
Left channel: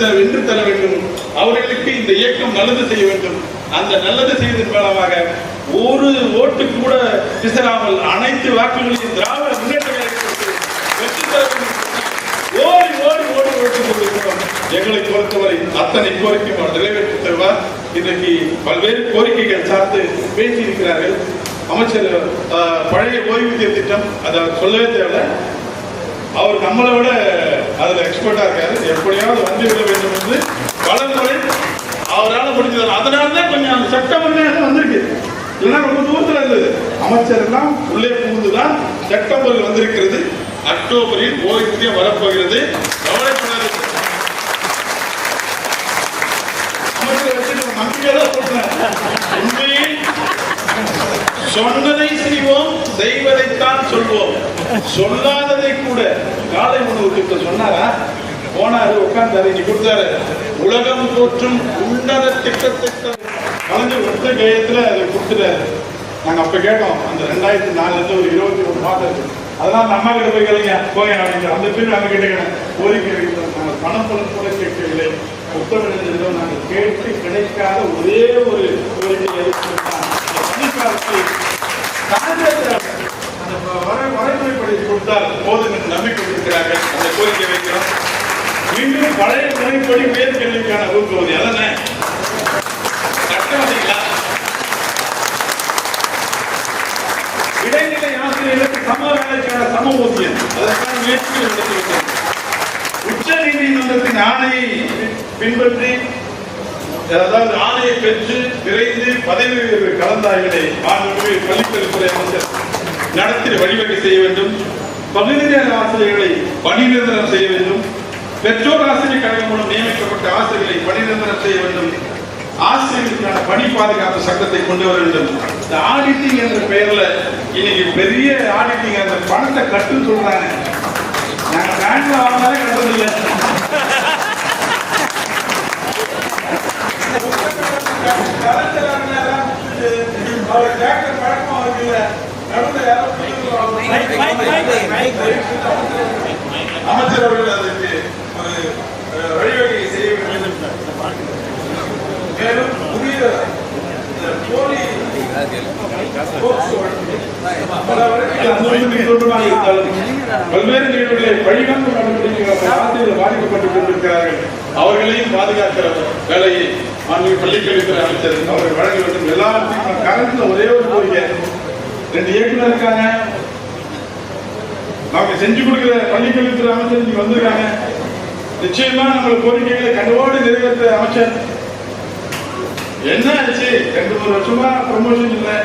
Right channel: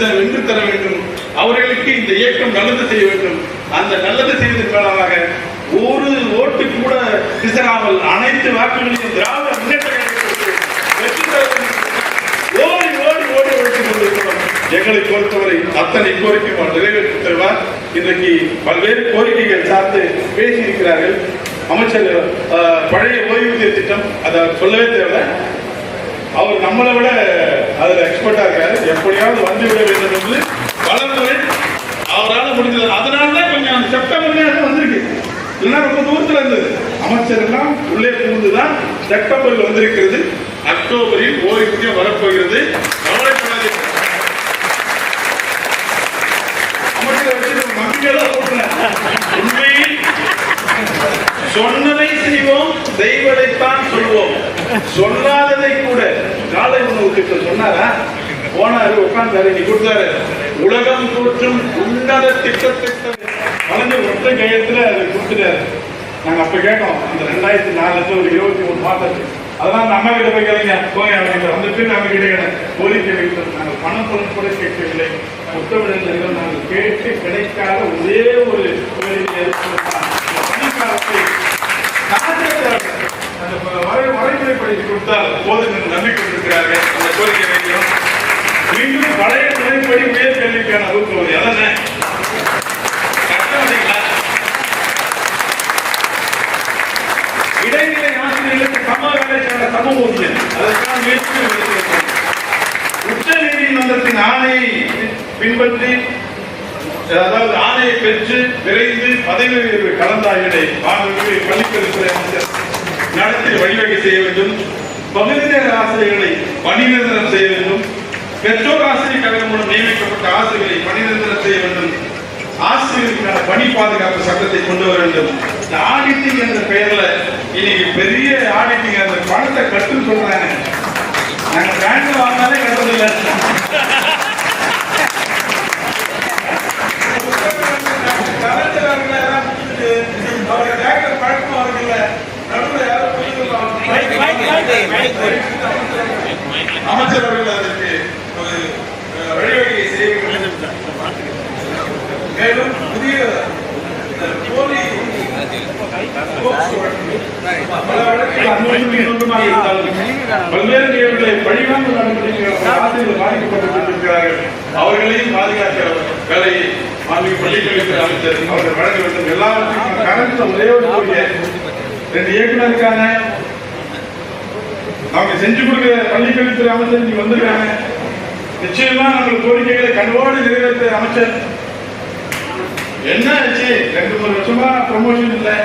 தர வேண்டும். அவர்களுக்கு இந்த இயக்கம் நல்லது செய்ய வேண்டும். அந்த நல்லது செய்வதன் மூலமாக ஒரு ஓட்டு கூட பிசராமல் அனைத்து வாக்குகளையும் திராவிட முன்னேற்ற கழகத்திற்கு வெற்றி தர வேண்டும். ஓடி ஓடி ஓடி ஓடிக் கொண்டிருக்கிறோம். எங்களை பொறுத்தவரை அத்தனை கோரிக்கை நிறைவேற்றி தருவார். இன்றைக்கு பல்வேறு கோரிக்கைகள் சார்ந்து பேசியிருக்கிறார்கள். அமைச்சர் பழைய ஓய்வூதிய திட்டம் அதை சொல்லவே தேவை. அவர் நம்மளை விட அதுல எக்ஸ்பர்ட்டா இருக்காரு. எப்படியாவது வந்துவிட வேண்டும் என்று பல முறை அவரால் முடிஞ்சது. அதனாலதான் கொஞ்சம் அந்த செப்டம்பர்ல வந்திருக்கு, இல்லைன்னா ரொம்ப தூரத்துல இருந்தது. அமைச்சர் எல்லாம் உள்ளே புகுந்துதான் செப்டம்பரில் வந்திருக்கிறது. அக்டோபரில் ஓய்வூதியம் வரப்போகிறது. அமைச்சரை வச்சு நம்பிக்கையெல்லாம் போட்டேன். உண்மையில் சொன்னதை செய்வோம், செய்வதைத்தான் சொல்வோம். சொல்லாததை கூட காலை உணவு திட்டம் சொன்னாரா, போனாரு உட்கார்ந்தாரு, நீ கொடுத்தாரு உலகம் தோற்றும் உன்னத திட்டத்திட்ட வளர்ந்து ஒற்ற கையத்துல அதை கொடுத்துட்டாரு. நாங்க அப்ப கேட்டோம், அந்த 2004 ஒரு 23 மாதம். அதெல்லாம் அந்த அம்மா கிட்ட போய் கேளுங்க, போய் அந்த பேர் நம்ம கிட்ட கோரிக்கை வைத்தோம். நாங்கள் பணப்பணம் கூட கேட்கவில்லை. புத்தகங்கள் நாங்கள் கேட்டு கிடைக்காத ஒரே ஒரு கோரிக்கை வரைமுறைப்படி கொடுத்தால் போதும் என்று நம்பிக்கை இருக்கிறார்கள். அந்த கோரிக்கை வைக்கிறோம். மீண்டும் பழைய முறைப்படி உயர்கல்விக்கான வகுப்பு அதனை இடைநிலை ஆசிரியர்களுக்கு சம சம ஊதியம் அதற்கான முயற்சிகள் எடுத்திருக்கிறோம். உச்ச நீதிமன்றத்தின் ஆணையை பின்பற்றி, அதாவது ஆணையை பெற்று விரைந்து பதவி உயர்வு கலந்தாய்வினை பள்ளிக்கல்வித்துறை அமைச்சர் நடத்தி வழிவகை செய்ய வேண்டும். பகுதி நேர ஆசிரியர்களை பணி நிரந்தரம் செய்ய வேண்டும். பெற்றோர் ஆசிரியர் கழகம் மூலம் நியமிக்கப்பட்ட ஆசிரியர்களை பணி நிரந்தரம் செய்ய வேண்டும். ஆசிரியர்களுக்கான பணி பாதுகாப்பு சட்டத்தை கொண்டு வர வேண்டும். இந்த ஆடிட்டிங் என்ற பெயர்ல இனி பெரிய ஆடிட்டிங் அந்த பணத்தை கட்டுன்னு சொல்றாங்க. நாங்க பேங்க்ல வாங்கினாலே கட்டுறதில்லை. அவரை கேட்க பழக்கம் அவருக்கு நடுவில் யாரும் அமைச்சர் அவர்கள் அதற்கு வழிவகை செய்ய வேண்டும். மேலும் புதிய போலி பல்வேறு நிகழ்வுகளை வழிகாட்டு நடவடிக்கைகள் ஆசிரியர்கள் பாதிக்கப்பட்டிருக்கிறார்கள். அவர்களையும் பாதுகாக்க வேலையை பள்ளிக்கல்வித்துறை அமைச்சர் அவர்கள் வழங்க வேண்டும். எல்லாவற்றையும் கரண்ட்ல ஒரே ஒரு கோரிக்கை, 2 இயக்குனர் இருக்காங்க, அவங்க செஞ்சு கொடுக்கிற பள்ளிக்கல்வித்துறை அமைச்சர் இங்க வந்திருக்காங்க. நிச்சயமா நம்மளுக்கு கோரிக்கைகளை கனவோடு நிறைவேற்ற அமைச்சர். என்ன ஆச்சு? 2-3 வருஷமா ப்ரமோஷன் இல்லை,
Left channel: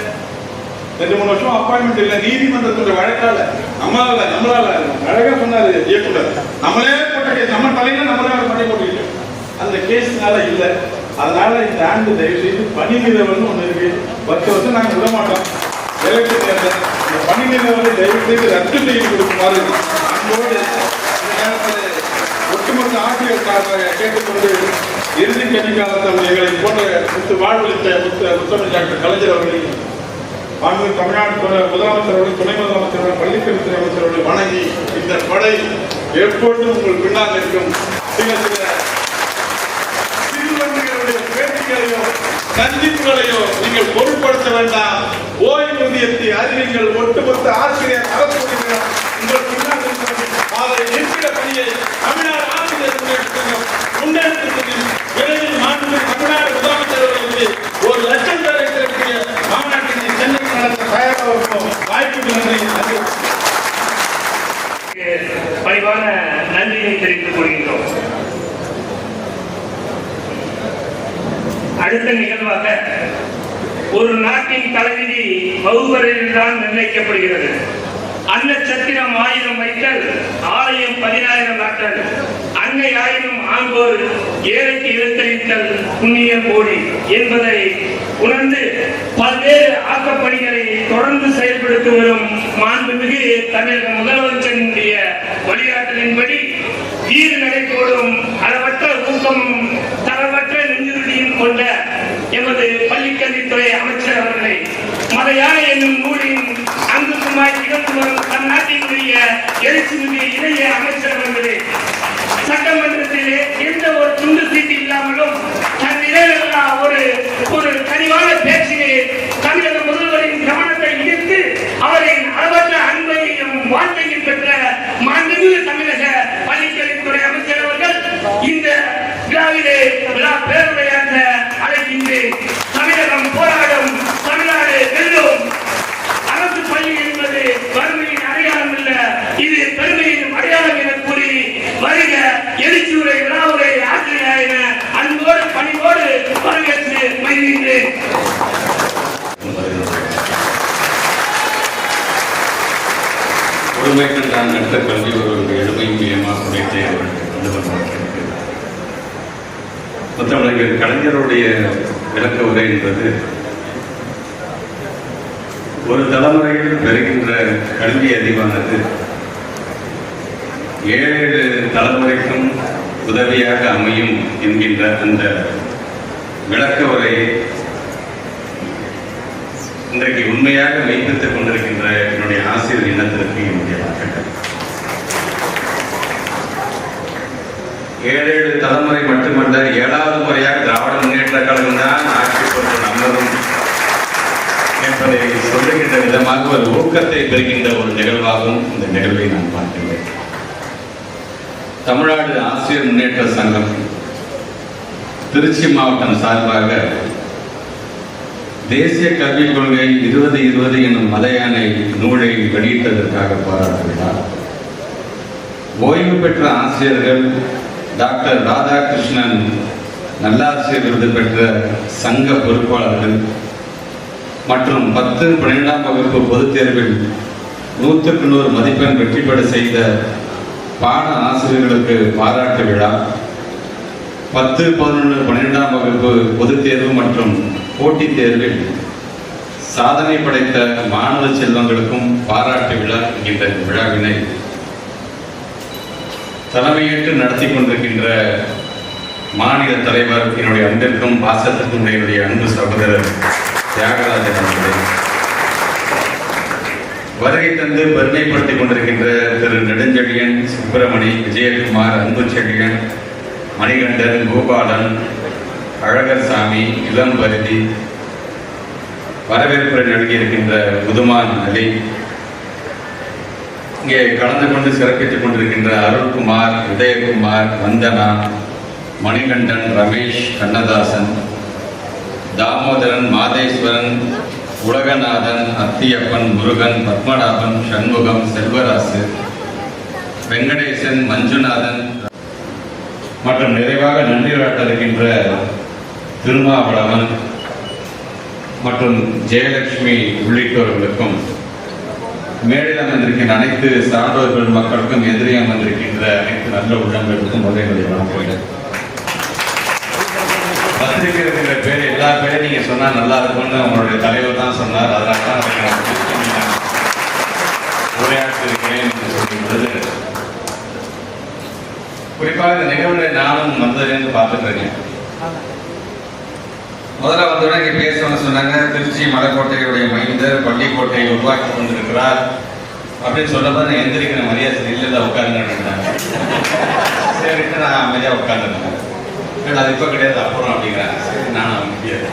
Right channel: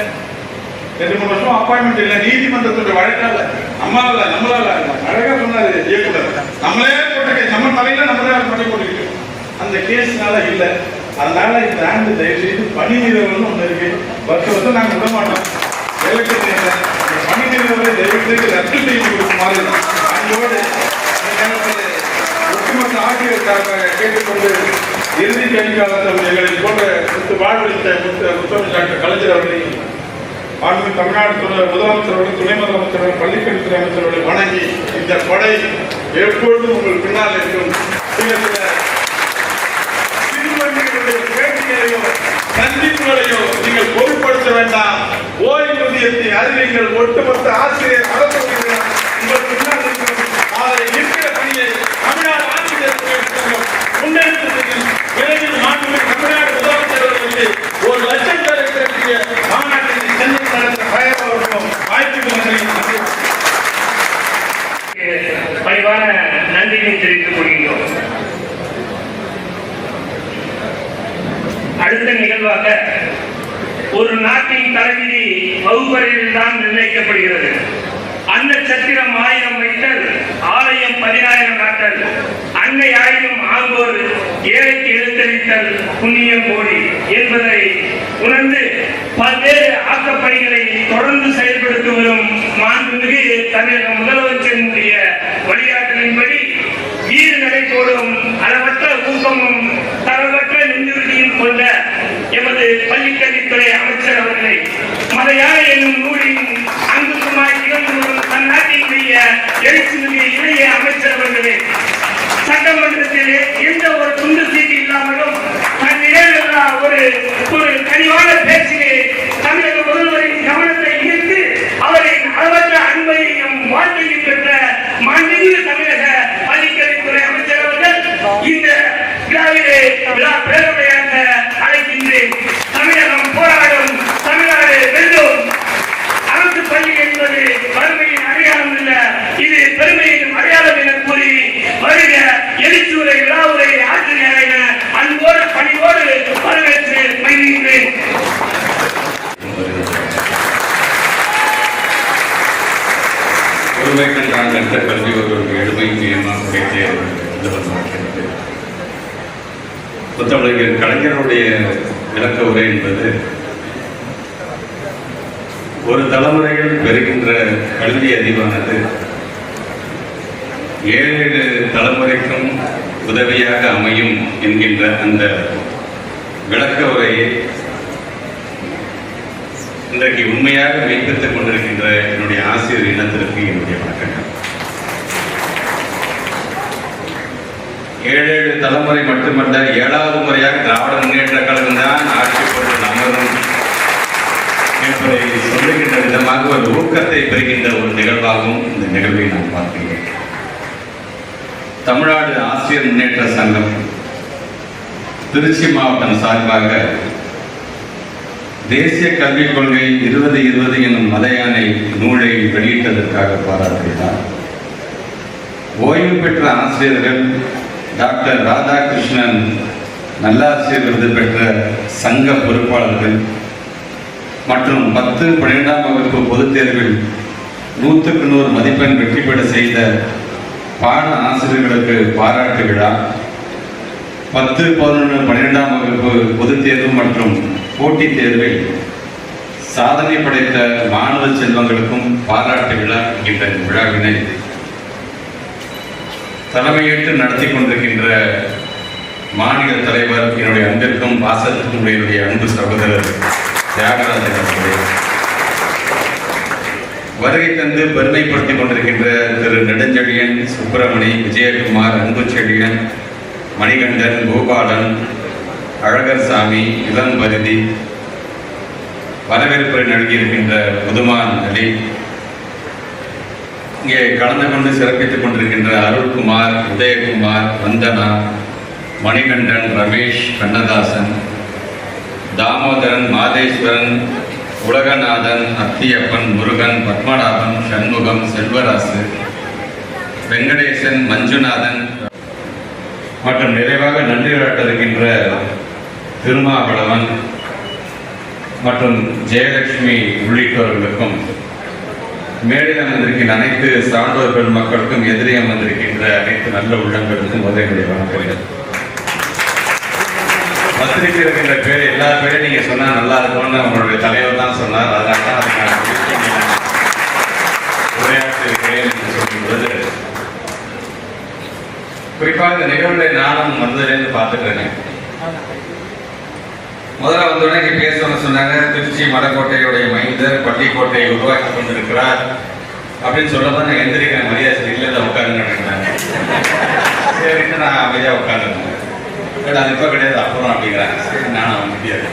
2-3 வருஷம் அப்பாயின்மெண்ட் இல்லை, நீதிமன்றத்துடைய வழக்கால நம்மளால அழகா சொன்னாரு இயக்குனர், நம்மளே போட்ட நம்ம தலையில நம்மளே பண்ணி போட்டுக்கிட்டோம். அந்த கேஸ்னால இல்லை. அதனால இந்த ஆண்டு தயவு செய்து பணி நிறுவனம் ஒண்ணு இருக்கு, வருஷம் நாங்க விட மாட்டோம். பணி நிறுவனத்தை தயவு செய்து ரத்து செய்து கொடுக்குமாறு அன்போடு ஒட்டுமொத்த ஆசிரியருக்காக கேட்டுக்கொண்டு இறுதி கணிக்காலத்தில் எங்களை போன்ற வாழ்வளித்த முத்தமிழ் டாக்டர் கலைஞர் அவர்களை தமிழ்நாடு முதலமைச்சர் அவர்கள், துணை முதலமைச்சர், பள்ளிக்கல்வித்துறை அமைச்சர் அவர்களை வணங்கி இந்த கொடை எப்பொழுதும் உங்கள் பின்னால் இருக்கும். சிறுவர்களுடைய பேட்டிகளையோ சந்திப்புகளையோ நீங்கள் பொருட்படுத்த வேண்டாம். ஓய்வூதியத்தை அறிவிங்கள். ஒட்டுமொத்த ஆசிரியர் அரசு உங்கள் பின்னால் இருக்கும். அதை நிற்கிற பணியை தமிழ்நாடு ஆசிரியர் முன்னெடுத்து விரைவில் மாண்புமிகு தமிழ்நாடு முதலமைச்சர் அவர்களுக்கு 1 லட்சம் பேர் இருக்கக்கூடிய மாநாட்டில் சென்னை நடத்த தயாராக இருக்கும். வாய்ப்பு பணிவான நன்றியை தெரிவித்துக் கொள்கின்றோம். அடுத்த நிகழ்வாக ஒரு நாட்டின் தலைவிதி வகுப்பறையில் தான் நிர்ணயிக்கப்படுகிறது. அன்ன சத்திரம் 1000 வைத்தல், ஆலயம் 10000 நாட்டல், அன்னை ஆயினும் ஆங்கோர் ஏழைக்கு எழுத்தளித்தல் புண்ணியம் கோடி என்பதை உணர்ந்து பல்வேறு ஆக்கப்பணிகளை தொடர்ந்து செயல்படுத்தி வரும் மாண்புமிகு தமிழக முதலமைச்சருடைய வழிகாட்டலின்படி ஈடுநடை போடும் அளவற்ற ஊக்கமும் தரவற்ற நெஞ்சுறுதியும் கொண்ட எமது பள்ளிக்கல்வித்துறை அமைச்சர் அவர்களை மதையாறு என்னும் நூலின் அங்குமாய் திகழ்ந்து வரும் தன் நாட்டினுடைய எழுச்சிமிகு இளைய அமைச்சர் அவர்களே, சட்டமன்றத்திலே எந்த ஒரு துண்டு சீட்டு இல்லாமலும் தன்னிடையில்லா ஒரு கனிவான பேச்சிலே தமிழக முதல்வரின் கவனத்தை ஈர்த்து அவரின் அளவற்ற அன்பையும் வாழ்க்கையும் பெற்ற மாண்புமிகு தமிழக பள்ளிக்கல்வித்துறை அமைச்சர் அவர்கள் இந்த விழாவிலே விழா பேருரையாக அழைக்கின்றேன். தமிழகம் போராடும், தமிழ்நாடு வெல்லும். அரசு பள்ளி என்பது வறுமையின் அடையாளம் அல்ல, இது பெருமையின் அடையாளம் என கூறி வருக எழுச்சியுரை விழாவுரை ஆசிரியர் என அன்போடு பணிவோடு வரவேற்று மகிழ்கின்றேன். ஒருமைக்கு அடுத்த கல்வி ஒரு எளிமை நியமாக உடைத்து முத்தமிழர் கலைஞருடைய விளக்க உரை என்பது ஒரு தலைமுறையில் பெறுகின்ற கல்வி அறிவானது 7 தலைமுறைக்கும் உதவியாக அமையும் என்கின்ற அந்த விளக்க உரையை இன்றைக்கு உண்மையாக மெய்ப்பித்துக் கொண்டிருக்கின்ற என்னுடைய ஆசிரியர் இனத்திற்கு என்னுடைய வாழ்த்துக்கள். 7 தலைமுறை மட்டுமல்ல, 7வது முறையாக திராவிட முன்னேற்ற கழகம் தான் ஆட்சி கொண்டு நம்மளும் என்பதை சொல்லுகின்ற விதமாக ஒரு ஊக்கத்தை பெறுகின்ற ஒரு நிகழ்வாகவும் இந்த நிகழ்வை நான் பார்க்கிறேன். தமிழ்நாடு ஆசிரியர் முன்னேற்ற சங்கம் திருச்சி மாவட்டம் சார்பாக தேசிய கல்விக் கொள்கை 2020 என்னும் மலையானை நூலை வெளியிட்டதற்காக பாராட்டுகிறார். ஓய்வு பெற்ற ஆசிரியர்கள் டாக்டர் ராதாகிருஷ்ணன் நல்லாசிரியர் விருது பெற்ற சங்க பொறுப்பாளர்கள் மற்றும் 10, 12ஆம் வகுப்பு பொதுத் தேர்வில் 100க்கு 100 மதிப்பெண் வெற்றி பெற செய்த பாட ஆசிரியர்களுக்கு பாராட்டு விழா, 10, 11, 12ஆம் வகுப்பு பொதுத் தேர்வு மற்றும் போட்டித் தேர்வில் சாதனை படைத்த மாணவ செல்வங்களுக்கும் பாராட்டு விழா என்கின்ற இந்த விழாவினை தலைமையேற்று நடத்தி கொண்டிருக்கின்ற மாநில தலைவர், என்னுடைய அன்பிற்கும் பாசத்திற்கும் என்னுடைய அன்பு சகோதரர் தியாகராஜன் அவர்களே, வருகை தந்து பெருமைப்படுத்திக் கொண்டிருக்கின்ற திரு நெடுஞ்செழியன், சுப்பிரமணி, விஜயகுமார், அன்புச்செழியன், மணிகண்டன், கோபாலன், அழகர் சாமி, இளம் பருதி, வரவேற்புரை நல்கியிருக்கின்ற புதுமான் அலி, இங்கே கலந்து கொண்டு சிறப்பித்துக் கொண்டிருக்கின்ற அருள்குமார், உதயகுமார், வந்தனா, மணிகண்டன், ரமேஷ், கண்ணதாசன், தாமோதரன், மாதேஸ்வரன், உலகநாதன், அத்தியப்பன், முருகன், பத்மநாபன், சண்முகம், செல்வராசு, வெங்கடேசன், மஞ்சுநாதன் மற்றும் நிறைவாக நன்றி காட்டிருக்கின்ற திருமாவளவன் மற்றும் ஜெயலட்சுமி உள்ளிட்டோர்களுக்கும், மேடையில் அமர்ந்திருக்கின்ற அனைத்து சான்றோர் பெருமக்களுக்கும், எதிரே அமர்ந்திருக்கின்ற அனைத்து நல்ல உள்ளங்களுக்கும் முதலினுடைய வணக்கம். பத்திரிகை இருக்கின்ற பேர் எல்லா பேரும் நீங்க சொன்னா நல்லா இருக்கும்னு உங்களுடைய தலைவர் தான் சொன்னார். அதனால உரையாற்றிருக்கிறேன் என்று சொல்லும் பொழுது, குறிப்பாக இந்த நிகழ்வுகளை நானும் வந்ததுலேருந்து பார்த்துக்கிறேன். முதல்ல வந்தோடனே இங்கே பேசணும்னு சொன்னாங்க. திருச்சி மலைக்கோட்டையுடைய மைந்தர் பள்ளிக்கோட்டையை உருவாக்கி கொண்டிருக்கிறார் அப்படின்னு சொல்லும்போது நான் எந்திரிக்கிறேன். மரியாதை இல்லை உட்காருங்க அப்படின்னாங்க. சரிட்டு நான் அமைதியாக உட்காந்துருந்தேன். அது இப்போ கிடையாது அப்புறம் அப்படிங்கிறாங்க. சரி, நானும் முடியாது.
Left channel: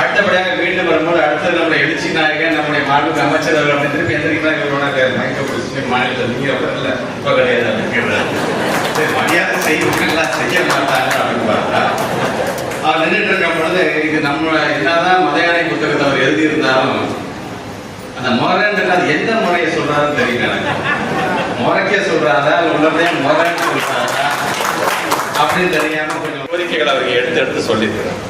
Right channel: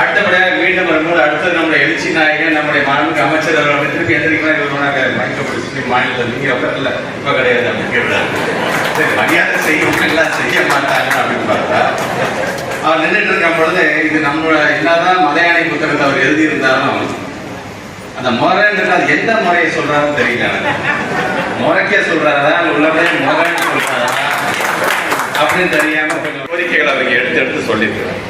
அடுத்தபடியாக மீண்டும் வரும்போது அடுத்தது நம்முடைய எழுச்சி நாயகன், நம்முடைய மாண்புமிகு அமைச்சர் அவர்கள் திருப்பி எந்திரிக்கலாம். இவரோட மைக்க பிடிச்சி மாநிலத்தில் நீங்க இல்லை இப்போ கிடையாது அப்படின்னு. சரி, மரியாதை செய்யலாம், செய்ய மாட்டாங்க அப்படின்னு பார்த்தா அவர் நின்றுட்டு இருக்கும் பொழுது, இது நம்ம என்னதான் மலையாளி புத்தகத்தை அவர் எழுதியிருந்தாலும் அந்த முறைன்றது அது எந்த முறையை சொல்றாருன்னு தெரியல. முறைக்கே சொல்றாரா உள்ளபடியே முறைன்னு சொல்றாரா அப்படின்னு தெரியாம கோரிக்கைகள் அவருக்கு எடுத்து சொல்லியிருக்கிறார்.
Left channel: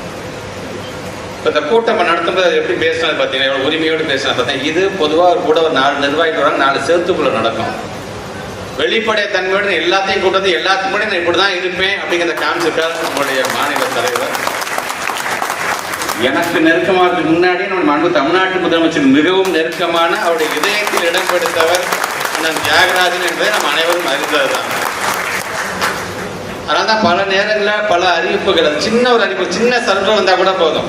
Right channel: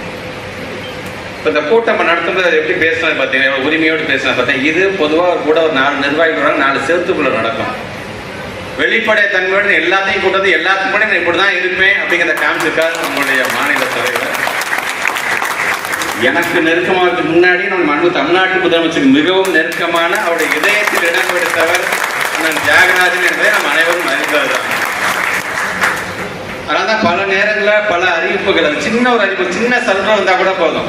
இப்போ இந்த கூட்டம் நடத்தும்போது எப்படி பேசினது பார்த்தீங்கன்னா, உரிமையோடு பேசினது பார்த்தீங்கன்னா, இது பொதுவாக கூட ஒரு 4 நிர்வாகிகள் 4 சேர்த்துக்குள்ள நடக்கும். வெளிப்படை தன்மையோடு எல்லாத்தையும் கொண்டு எல்லாத்துக்கும் கூட நான் இப்படிதான் இருப்பேன் அப்படிங்கிறத காமிச்சிருக்காரு நம்மளுடைய மாநில தலைவர். எனக்கு நெருக்கமாக முன்னாடி நம்ம தமிழ்நாட்டு முதலமைச்சர் மிகவும் நெருக்கமான அவருடைய இதயத்தில் இடம் கொடுத்தவர் அண்ணன் தியாகராஜன் என்பதை நம்ம அனைவரும் அறிந்ததுதான். அதனால்தான் பல நேரங்களில் பல அறிவிப்புகள், சின்ன ஒரு அறிவிப்பு, சின்ன சல்றம் வந்தா கூட போதும்,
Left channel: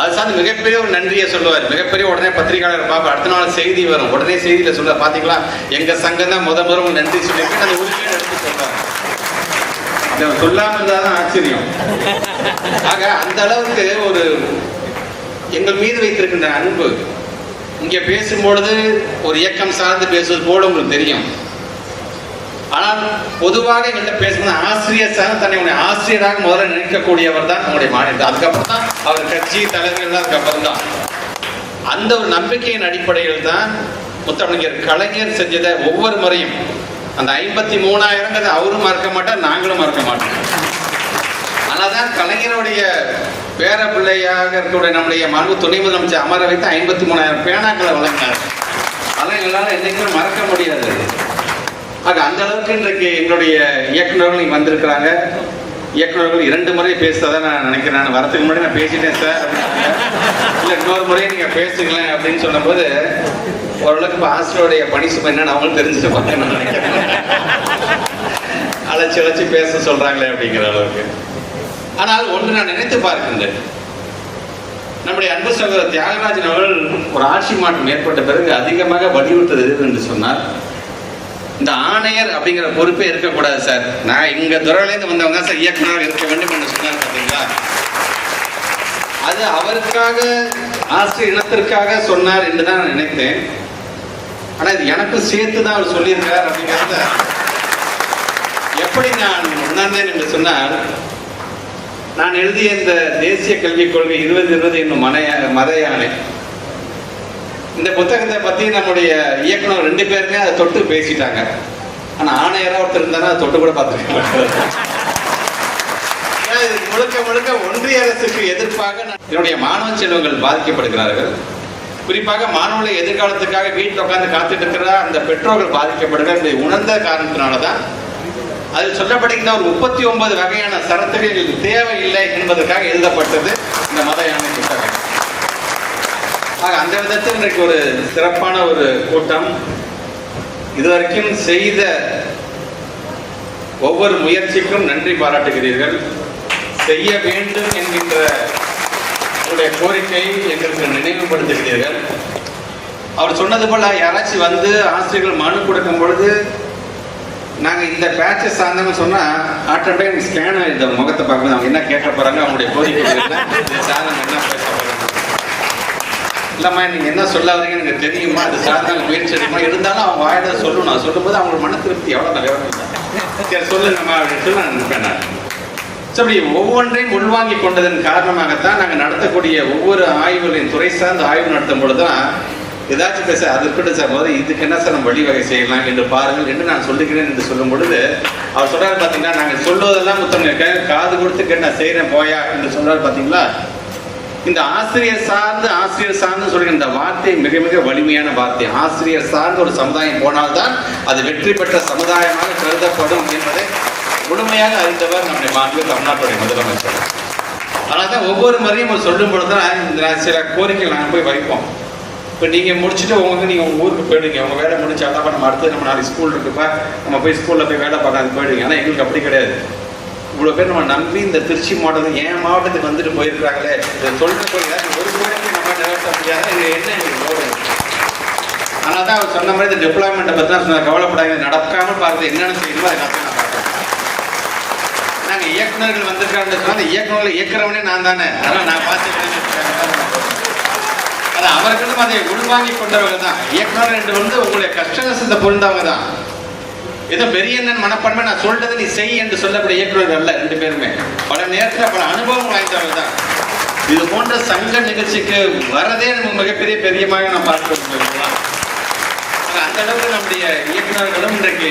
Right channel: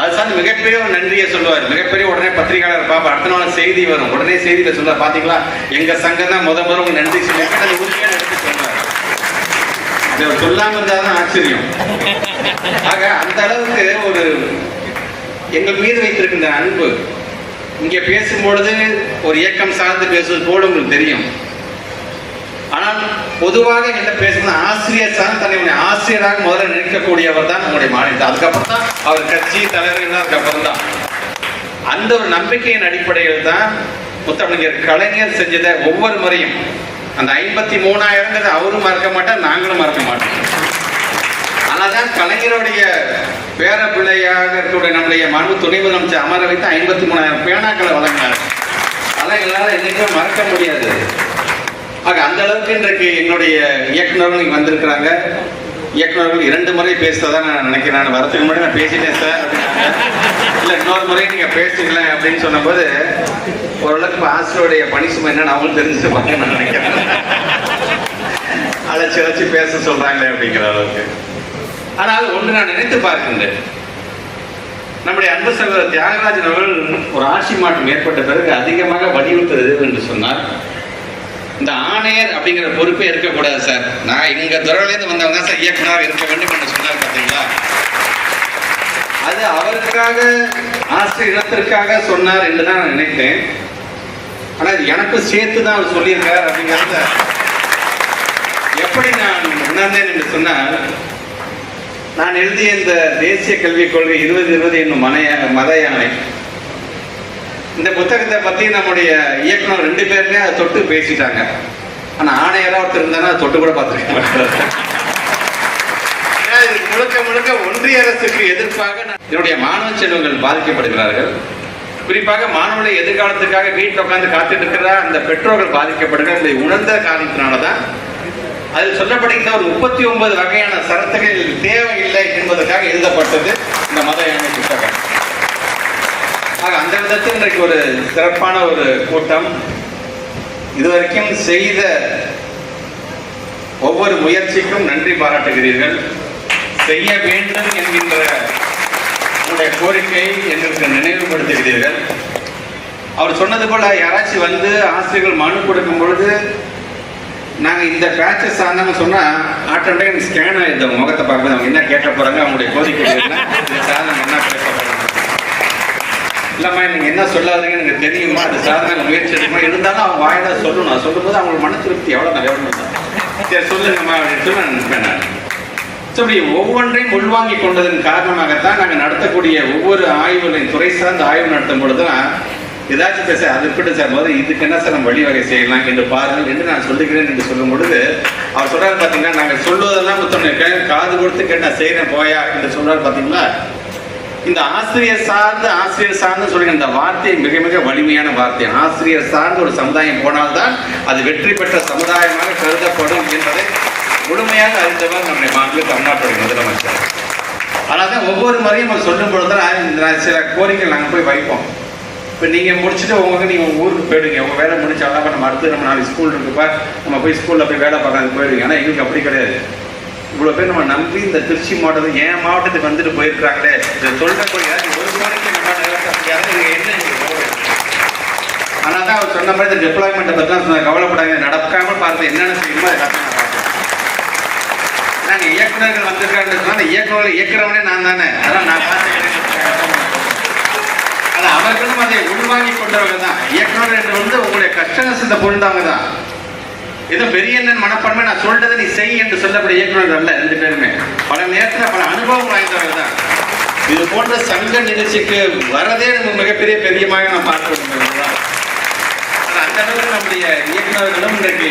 அது சார்ந்து மிகப்பெரிய ஒரு நன்றியை சொல்லுவார். மிகப்பெரிய உடனே பத்திரிகையாளர் பார்ப்போம், அடுத்த நாள் செய்தி வரும், உடனே செய்தியில சொல்லுவார், பாத்தீங்களா எங்க சங்கம் தான் முதல் நன்றி சொல்லிட்டு அந்த உரிமையை எடுத்து சொல்றாரு. சொல்லாம இருந்தாதான் ஆச்சரியம். ஆக அந்த அளவுக்கு ஒரு எங்கள் மீது வைத்திருக்கின்ற அன்பு. இங்க பேசும்பொழுது ஒரு இயக்கம் சார்ந்து பேசுவது போல உங்களுக்கு தெரியும். ஆனால் பொதுவாக எங்கிட்ட பேசுறது ஆசிரியர் சார்ந்து தன்னை ஆசிரியராக முதல்ல நினைக்கக்கூடியவர் தான் நம்முடைய மாநிலம். அதுக்கப்புறம் தான் அவர் கட்சி தலைவர்கள், அதுக்கப்புறம் தான் அந்த ஒரு நம்பிக்கையின் அடிப்படையில் தான் முத்தமிழர் கலைஞர் செஞ்சதை ஒவ்வொரு முறையும் அந்த 53,000 அவரும் மறக்க மாட்டார், நாங்களும் மறக்க மாட்டோம். அதனால்தான் கலைஞருடைய பேர பிள்ளையாக இருக்கக்கூடிய நம்முடைய மாண்பு துணை முதலமைச்சர் அமர வைத்து 53,000 பேனாக்களை வழங்கினார். அதெல்லாம் எங்களால் என்னைக்குமே மறக்க முடியாது. ஆக அந்த அளவுக்கு இன்றைக்கு எங்களுடைய இயக்குநர்கள் இங்கே வந்திருக்கிறாங்க. இயக்குநர்கள் 2 முறை பேசுறதா நான் நினைக்கிறேன். வரத்துக்கு முன்னாடி நான் பேசிட்டேன் சார், இல்லை இன்னொரு முறை நீங்க பேசுங்களேன் அப்படின்னு சொன்னபோது ஓரளவுக்கு ஆசிரியருடைய பணி சுமை என்னன்னு அவங்களுக்கு தெரிஞ்சுப்பாங்க நான் நினைக்கிறேன். அழைச்சி பேச சொல்றாங்களே அப்படிங்கிற அளவுக்கு. ஆனால் ஒன்று நான் நினைத்து பார்க்கின்றேன், நம்முடைய அன்பு சகோதரர் தியாகராஜன் அவர்கள் ஒரு ஆட்சி மாற்றம் ஏற்பட்ட பிறகு அதிகமாக வலியுறுத்துறது என்று சொன்னார், இந்த ஆணையர் அப்படிங்கிற பொறுப்பே இருக்கக்கூடாது சார், நான் எங்க துறையிலேருந்து வந்தவங்க சார் இயக்குனர் இருக்க வேண்டும் என்று சொன்னார். பார்த்தீங்களா, அது அவருக்காக ஆசிரியர் இனத்திற்காக சொன்னார் என்று தான் நான் நினைத்தேன். ஆனா இது எனக்கும் சேர்த்து தான் அவர் சொல்லியிருக்கார் அப்படிங்கிறத எப்படி நான் உணர்ந்தேன் என்று சொன்னால், நான் எழுதிய இந்த தேசிய கல்விக் கொள்கை 2020 என்னும் மத யானை, இந்த புத்தகத்தை பத்தி நம்முடைய இயக்குனர் 2 பேருமே அதை தொட்டு பேசிட்டாங்க. ஆனா ஆணையரா ஒருத்தர் இருந்தாங்க, அதை தொட்டு கூட பார்த்துருக்க மாட்டாங்க. ஏன்னா இது முழுக்க முழுக்க ஒன்றிய அரசுக்கு எதிர்ப்பாக என்னுடைய மாணவ செல்வங்கள் பாதிக்கப்படுகிறார்கள். குறிப்பாக மாணவர்களை எதிர்காலத்துக்காக வீட்டில் உட்கார்ந்து காத்துட்டு இருக்கிற அந்த பெற்றோர்கள் பாதிக்கப்படுகிறார்கள். இதை உணர்ந்த காரணத்தினாலதான் அதில் சொல்லப்படுகிற ஒரு 39 வகையான சரத்துகள் தேவையில்லை என்பதற்காக எழுதப்பட்டது இந்த மத யானை புத்தகம். அந்த விதத்தில் இன்றைக்கு ஒரு சிறப்பான ஒரு கூட்டம். இதுவரைக்கும் செய்த ஒவ்வொரு முயற்சிக்கும் நன்றி பாராட்டுகிறீர்கள். செய்ய வேண்டும் என்கின்ற உங்களுடைய கோரிக்கை எங்களுக்கு நினைவுபடுத்துகிறீர்கள். அவர் சொன்னது போல யாராச்சும் வந்து ஆசிரியர்கள் மனு கொடுக்கும் பொழுது நாங்க இந்த பேட்சை சார்ந்தவங்க சொன்னா ஆட்டோமேட்டிக் ஸ்கேன் இந்த முகத்தை பார்க்கணும், அவங்க என்ன கேட்க போறாங்க, அவங்களுடைய கோரிக்கை சாதனம் என்ன பேச போறாங்க, இல்லம்மா நீங்க என்ன சொல்லாதீங்க எனக்கு தெரியுமா, அது சாதனம் முயற்சி எடுக்குமா, இருந்தாலும் அவங்க வாயில சொல்லணும். நான் சொல்லும்போது அவங்களுக்கு மன திருப்தி எவ்வளவு வேணும். சரி சொல்லுங்கம்மா அப்படின்னு சொல்லி நான் நினைப்பேன். நான் அப்படி ஒவ்வொன்றையும் உள்வாங்கி கொண்டதன் காரணமாகத்தான் நாங்கள் நடத்தக்கூடிய ஒவ்வொரு ஆய்வுகளின் துறை சார்ந்த ஆய்வு நடத்தும் பொழுதுதான் ஏதாச்சும் பேச அது இருக்கட்டும் சார், போது இதுக்கு என்ன சார் நம்ம வழிவகை செய்யலாம் என்று பாருங்கள் என்று நான் சொல்லுகிறேன் என்று சொல்லும் பொழுது அவர் சொல்றாரு பாத்தீங்கன்னா, நாங்கள் சொல்வதெல்லாம் புத்தகம் இருக்கேன், காது கொடுத்து கேட்டு நான் செய்யறேன் போயா என்று சொல்றாரு பாத்தீங்களா. இந்த ஆசிரியர் சார்ந்து சொல்ற இந்த வார்த்தை மிக மிக வலிமையான வார்த்தை. ஆசிரியர் சார்ந்த ஒரு சமுதாயம் போனால்தான் அது வெற்றி பெற்ற சமுதாயமாக கருதப்படும் என்பதை முழுமையாக அறிந்தவர் நம்முடைய மாநில தமிழ்நாட்டுடைய முதலமைச்சர். அதனால்தான் ஒவ்வொரு முறையும் அவர் சொல்லும் பொழுதுதான் சில கோரிக்கைகள் நாங்கள் போய் வைப்போம். இப்போ நீங்கள் முடிச்சுட்டு நீங்கள் உங்கள் ஊருக்கு போயிடுங்க, உங்கள் வேலை முடிச்சாலும் நம்ம அடுத்து நம்ம நாளைக்கு ஸ்கூல் இருக்குப்பா, நம்ம போய் ஸ்கூலில் போய் வேலை பார்க்க போயிடுங்க. ஆனால் எங்களுக்கு அப்படி கிடையாது. இவ்வளோ பேர் நம்ம நம்பி இந்த திருச்சி மாவட்டத்துக்கு என் மாவட்டத்துக்கு வந்துட்டு போயிருக்கிறாங்களே, இதை சொல்லக்கூடிய ஒரு கோரிக்கை நம்ம நிறைவேற்ற இங்கே என்ன ரோடு. ஆனால் தான் அவர் சொன்ன மாதிரி இந்த டெப்ளாய்மெண்ட்டை பற்றி தான் கவலைப்படாத, நடக்காமல் பார்த்து என்னென்ன செய்யணுமோ அதை கரெக்டாக நான் பார்ப்பேன். நாங்கள் இயக்குநர்கள் வந்திருக்காருன்னு சொன்னால் அந்த இயக்குநர்கள் இயக்குறவனே நான் தானே, அதான் நான் பார்த்துக்கிறேன். அது அவர்களும் அதை உள்வாங்கி கொண்டவர்கள் தான். இயக்குநர்கள் என்று வந்து உங்களுடைய கஷ்டங்கள் செஞ்ச பொருந்தாங்க தான். ஏதோ பெரிய மனப்பான்மை நான் சொல்றது நீ செய் என்று சொல்லக்கூடிய இயக்குநர்கள் அல்ல. ரெண்டு பேருமே பல நேரத்தில் பல அனுபவம் வாய்ந்தவர்கள் தான். இது போன்ற சங்க நிகழ்ச்சிக்கு வரதே நமக்கு மிகப்பெரிய பெரியமாக நான் பார்க்க. அந்த அளவுக்கு நம்முடைய இயக்குநர்களும் இன்றைக்கு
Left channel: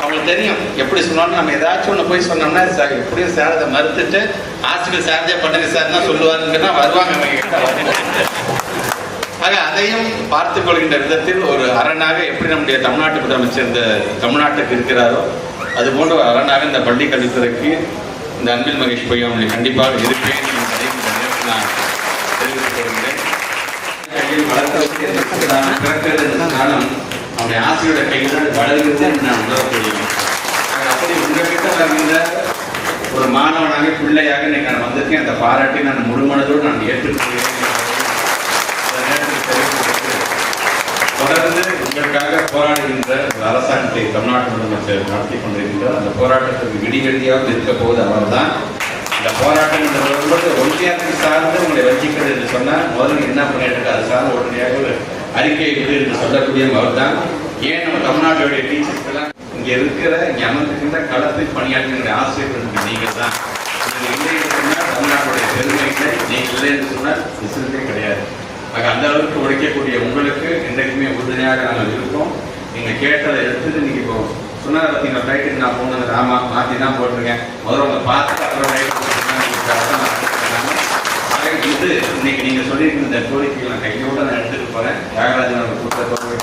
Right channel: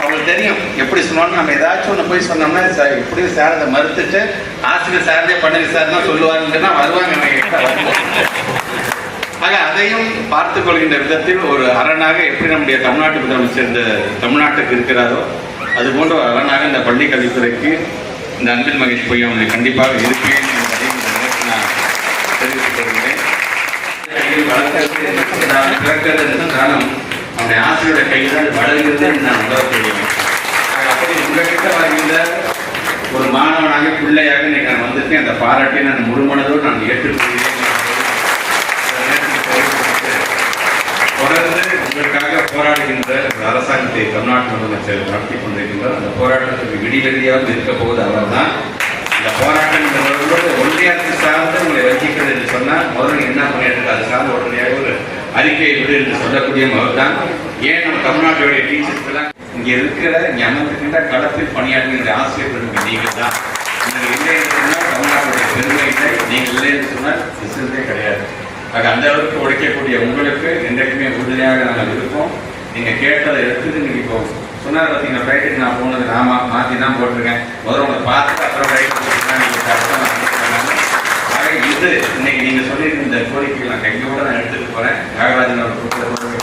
அவங்களுக்கு தெரியும் எப்படி சொன்னாலும் நம்ம ஏதாச்சும் ஒன்று போய் சொன்னோம்னா எப்படியும் சார் அதை மறுத்துட்டு ஆசிரியர் சார்ந்தே பண்ணுங்க சார் தான் சொல்லுவாருன்னா வருவாங்க. ஆக அதையும் பார்த்துக் கொள்கின்ற விதத்தில் ஒரு அரணாக எப்படி நம்முடைய தமிழ்நாட்டு முதலமைச்சர் இந்த தமிழ்நாட்டுக்கு இருக்கிறாரோ அது போன்ற ஒரு அரணாக இந்த பள்ளி கல்வித்துறைக்கு இந்த அன்பில் மகேஷ் பொய்யா அவங்களை கண்டிப்பாக இருப்பேன் நான் தெரிவித்துக் கொள்கிறேன். காலம் அவனுடைய ஆசிரியருடைய கையில் வளர்கிறது நான் உணரக்கூடியேன். அப்படி உங்ககிட்ட வருகின்ற ஒரு மாணவனாக பிள்ளையாக இன்னைக்கு நான் வந்திருக்கேன். அந்த பாராட்டை நான் முழுமனதோடு நான் ஏற்றுக்கொள்கிறேன். தொடர்ந்து உங்களுக்காக போராடுகின்ற ஒரு அரசாங்கத்தை தமிழ்நாட்டு முதலமைச்சர் நடத்தி கொண்டிருக்கின்றார். அந்த போராட்டத்துக்கு விடிவெளியாக இருக்க போது அவர் தான். இந்த போராட்டம் என்ற ஒன்றியத்தை சார்ந்து உங்களை வகிக்கிறது என்று சொன்னால் முதல்ல என்ன பண்ணிட்டு அது சார்ந்த உடனடியாக ஒரு அறிக்கை விடு என்று சொல்லக்கூடிய அவர் தான். ஏன் நம்ம தமிழ்நாட்டுடைய டீச்சர்ஸ் எல்லாம் இங்க இருக்கிற இங்க அமர்ந்திருக்கின்ற களத்தில் பணியாற்றுகின்ற ஆசிரியர்கள் நீங்கள் தான். நீங்கள் இல்லை என்று சொன்னால் தமிழ்நாட்டுடைய பெருமை இல்லை, நீங்கள் இல்லை என்று சொன்னால் விசிறதே கிடையாது. ஆக அந்த அளவுக்கு உழைக்கக்கூடிய உங்களுக்கு என்றைக்குமே உறுதுணையாக நாங்கள் இருக்கோம். நீங்க கேட்டதை எடுத்துட்டு நீங்க இப்போ சொன்னார் பார்த்தீங்கன்னா ரைட்டுக்கு நான் போனது ஆமா மாற்றி தான் போட்டிருக்கேன், முதல்ல உங்களை பார்த்துட்டு அப்புறம் ரைட் போட்டிருக்கேன். நீங்கள் இது இன்னைக்கு நீங்க சொல்லியிருக்க இந்த கோரிக்கையை நான் கையோட நான் எடுத்துட்டு போறேன். தியாகராஜனோட புத்தகத்தோடு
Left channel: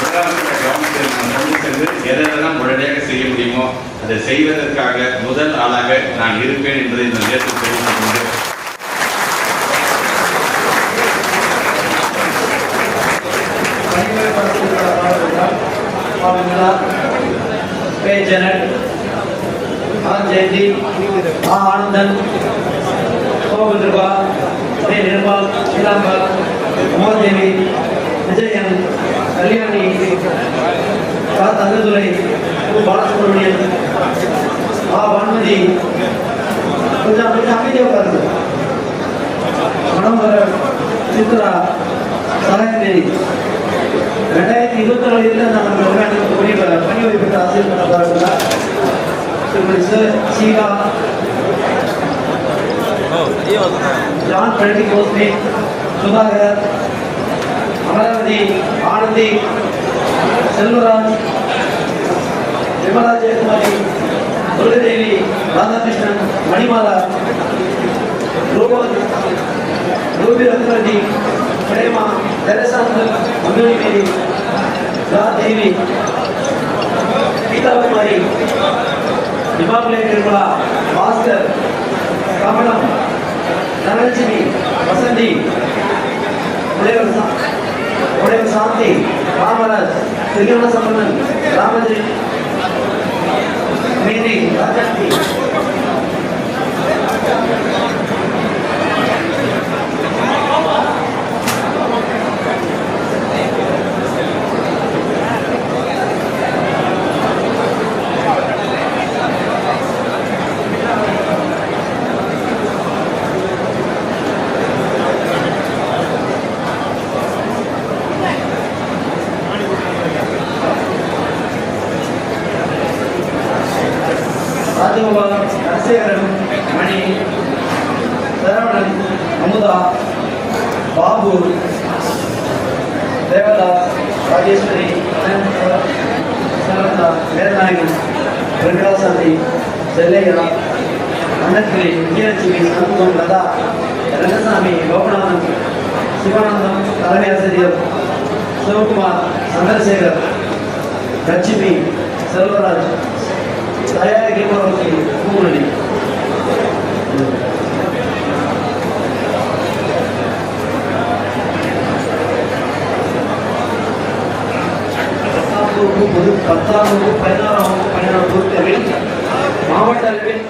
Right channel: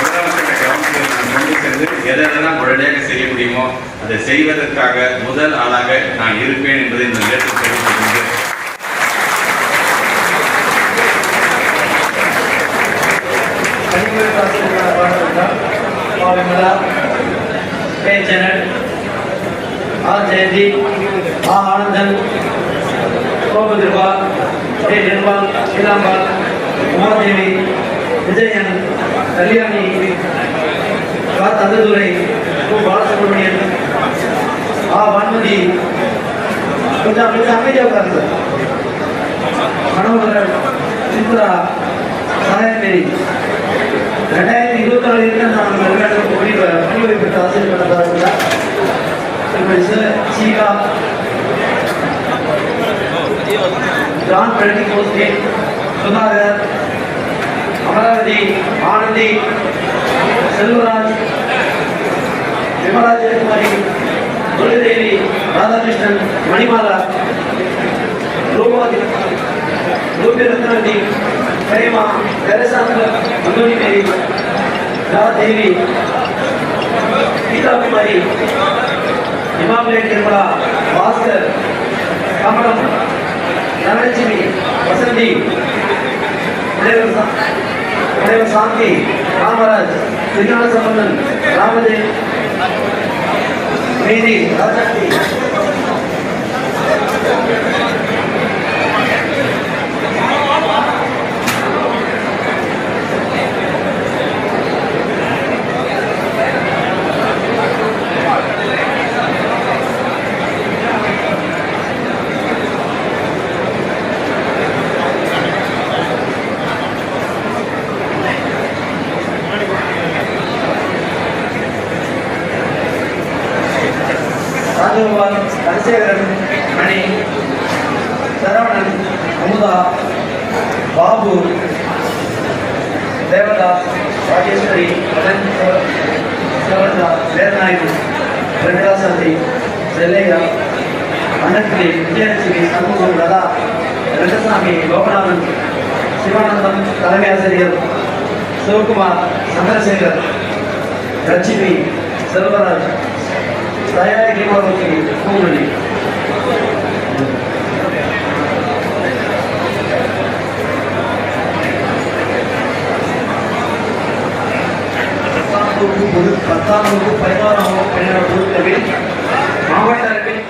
முதலமைச்சர் கவனத்தில் நான் கொண்டு சென்று எதெல்லாம் உடனடியாக செய்ய முடியுமோ அதை செய்வதற்காக முதல் ஆளாக நான் இருப்பேன் என்பதை இந்த நேரத்தில் தெரிவித்துக் கொண்டு के जनरल आर जयंती आ आनंदन ओ बुद्रपाल के निर्मल शीलांबल उमादेवी विजयन कल्याणी का तंदुरै ओ बालसुब्रमण्यन आ भानुमति कुछ हमें जो कर दो मनोहर चित्रा सहाय मेरी 2024 நான் தமிழ்நாடு பணி பெற்ற ஆசிரியர் சீகா ஜான் பழனி கோஸ்மே சுதாகர் அமராவதி ஆனந்தி செல்வராஜ் விமலா ஜெயக்குமாரி துர்கதேவி ராதாகிருஷ்ணன் மணிமாலா ரூபி ரத்னவதி பிரேமா கரசாந்த அனுமதி மேரி தேவி கீதா குமாரி இமாம்லேட் நிர்மலா பாஸ்கர் கமலம் தனலட்சுமி வசந்தி உடையவர் சாந்தி ராமராஜ் திருஞான சம்பந்தன் ராமதே மேரி ராஜாட்டி ராஜகோபால் தனசேகரன் மணி சரவணன் அமுதா பாபு தேவதாஸ் ராஜேஸ்வரி சரதா வேதநாயகன் வெங்கடாசந்தி செல்லையா அன்னக்கிளி விஜயலட்சுமி சண்முகம் லதா ரங்கசாமி லோகநாதன் சிவானந்தம் தலைமை ஆசிரியர் சிவகுமார் சந்திரசேகர் லட்சுமி செல்வராஜ் தயாரிக்கு பூரணி பத்தாம் வகுப்பு 16ஆம் வகுப்பு 17ஆம் பொருட்களில் மாவட்ட அளவில்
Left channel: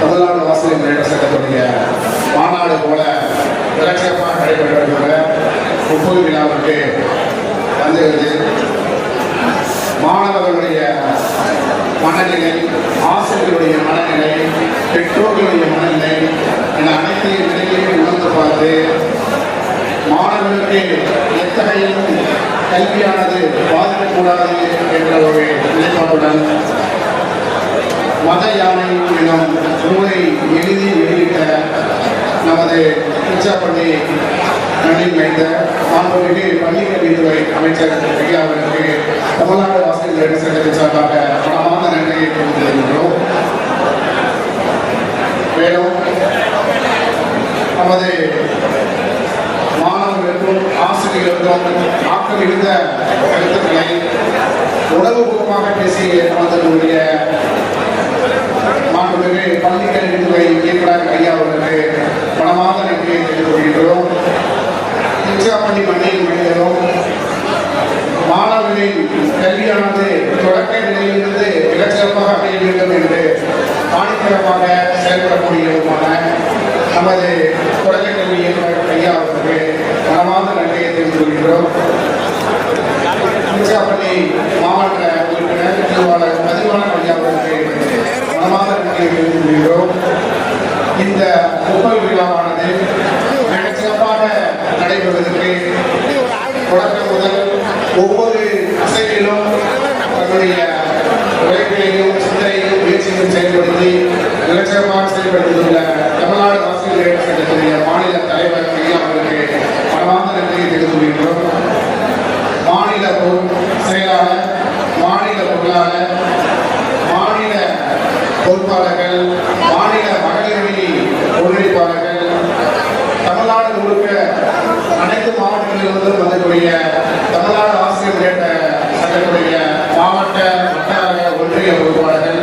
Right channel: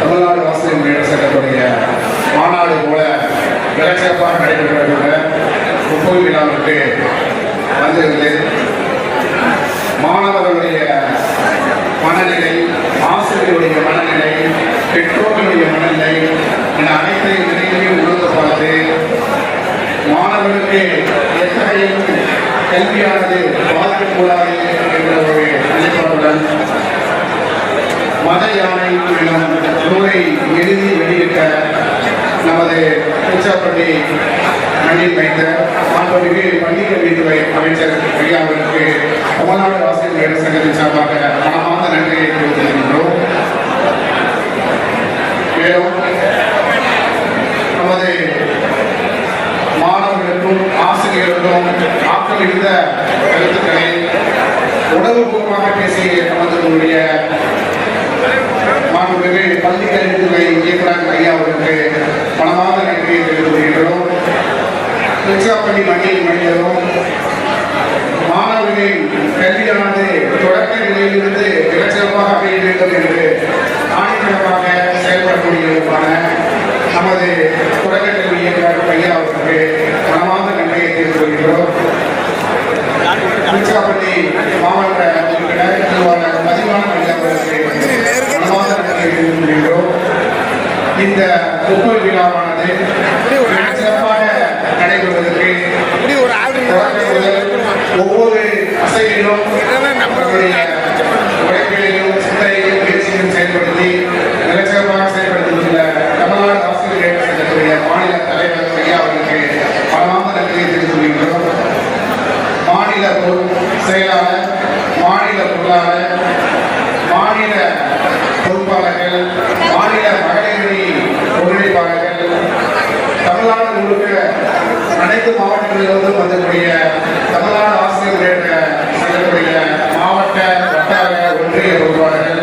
தமிழ்நாடு ஆசிரியர் முன்னேற்ற சங்கத்துடைய மாநாடு போல விளக்கமாக நடைபெற்ற முப்பது விழாவிற்கு வந்திருந்து மாணவர்களுடைய மனநிலை, ஆசிரியருடைய மனநிலை, பெற்றோர்களுடைய மனநிலை இந்த அனைத்து நிலைகளையும் உணர்ந்து பார்த்து மாணவர்களுக்கு எத்தகைய கல்வியானது பாதிக்கக்கூடாது என்ற ஒரு நிலைப்பாட்டுடன் மத யானை எனும் நூலை எழுதி வெளியிட்ட நமது உச்சப்பள்ளி மண்ணில் வைத்த மாண்புமிகு பள்ளிக்கல்வித்துறை அமைச்சர் ஐயாவிற்கு தமிழ்நாடு ஆசிரியர் முன்னேற்ற சங்கத்தின் சார்பாக மனமார்ந்த நன்றியை தெரிவித்திருக்கின்றோம். மேலும் நமது மாணவர்களுக்கும் ஆசிரியர்களுக்கும் ஆக்கிரமித்த கருத்துக்களை உணர்வுபூர்வமாக பேசிய நமது மாண்புமிகு பள்ளிக்கல்வித்துறை இயக்குனர் ஐயா அவர்களுக்கு பலமான நன்றியை தெரிவித்துக் கொள்கிறோம். திருச்சிராப்பள்ளி மண்ணில் மனிதரும் மாணவர்களின் கல்வியானது தொடக்க நிலையிலிருந்து மிகச்சிறப்பாக அமைய வேண்டும் என்று ஆணித்தரமாக செயல்படக்கூடியவருமான நமது தொடக்க கல்வி இயக்குனர் ஐயா அவர்களுக்கு பலமான நன்றியை தெரிவித்துக் கொள்கிறோம். திருச்சிராப்பள்ளி மாவட்ட உறுப்பினர் திருவாளர் பதிவான ஐயா அவர்களுக்கு பலமான நன்றியை தெரிவித்துக் கொள்கிறோம். இந்த ஒவ்வொரு விழாவானது மிகச்சிறப்பாக நடைபெறுவதற்கு தொடக்க முதல் ஒவ்வொரு அசைவிலும் அவர்களுடைய உழைப்பிலையும் சிந்தனையிலும் முயற்சியிலும் செயல்படுத்தி மிகச்சிறப்பாக செயல்படுத்தியுள்ள தமிழ்நாடு ஆசிரியர் சங்கத்துடைய மாநில தலைவர் ஐயா அவர்களுக்கு பலமான நன்றியை தெரிவித்துக் கொள்கிறோம். மாநில செயலாளர், மாநில பொருளாளர், மாநில பொறுப்பாளர்கள், மாநில மகளிரணி ஒருங்கிணைப்பாளர்கள், தமிழ்நாடு முழுக்க அனைத்து மாவட்டங்களிலிருந்தும் வந்தக்கூடிய தமிழ்நாடு ஆசிரியர் முன்னேற்ற சங்கத்துடைய மாவட்ட வட்டார ஒன்றிய பொறுப்பாளர்கள்,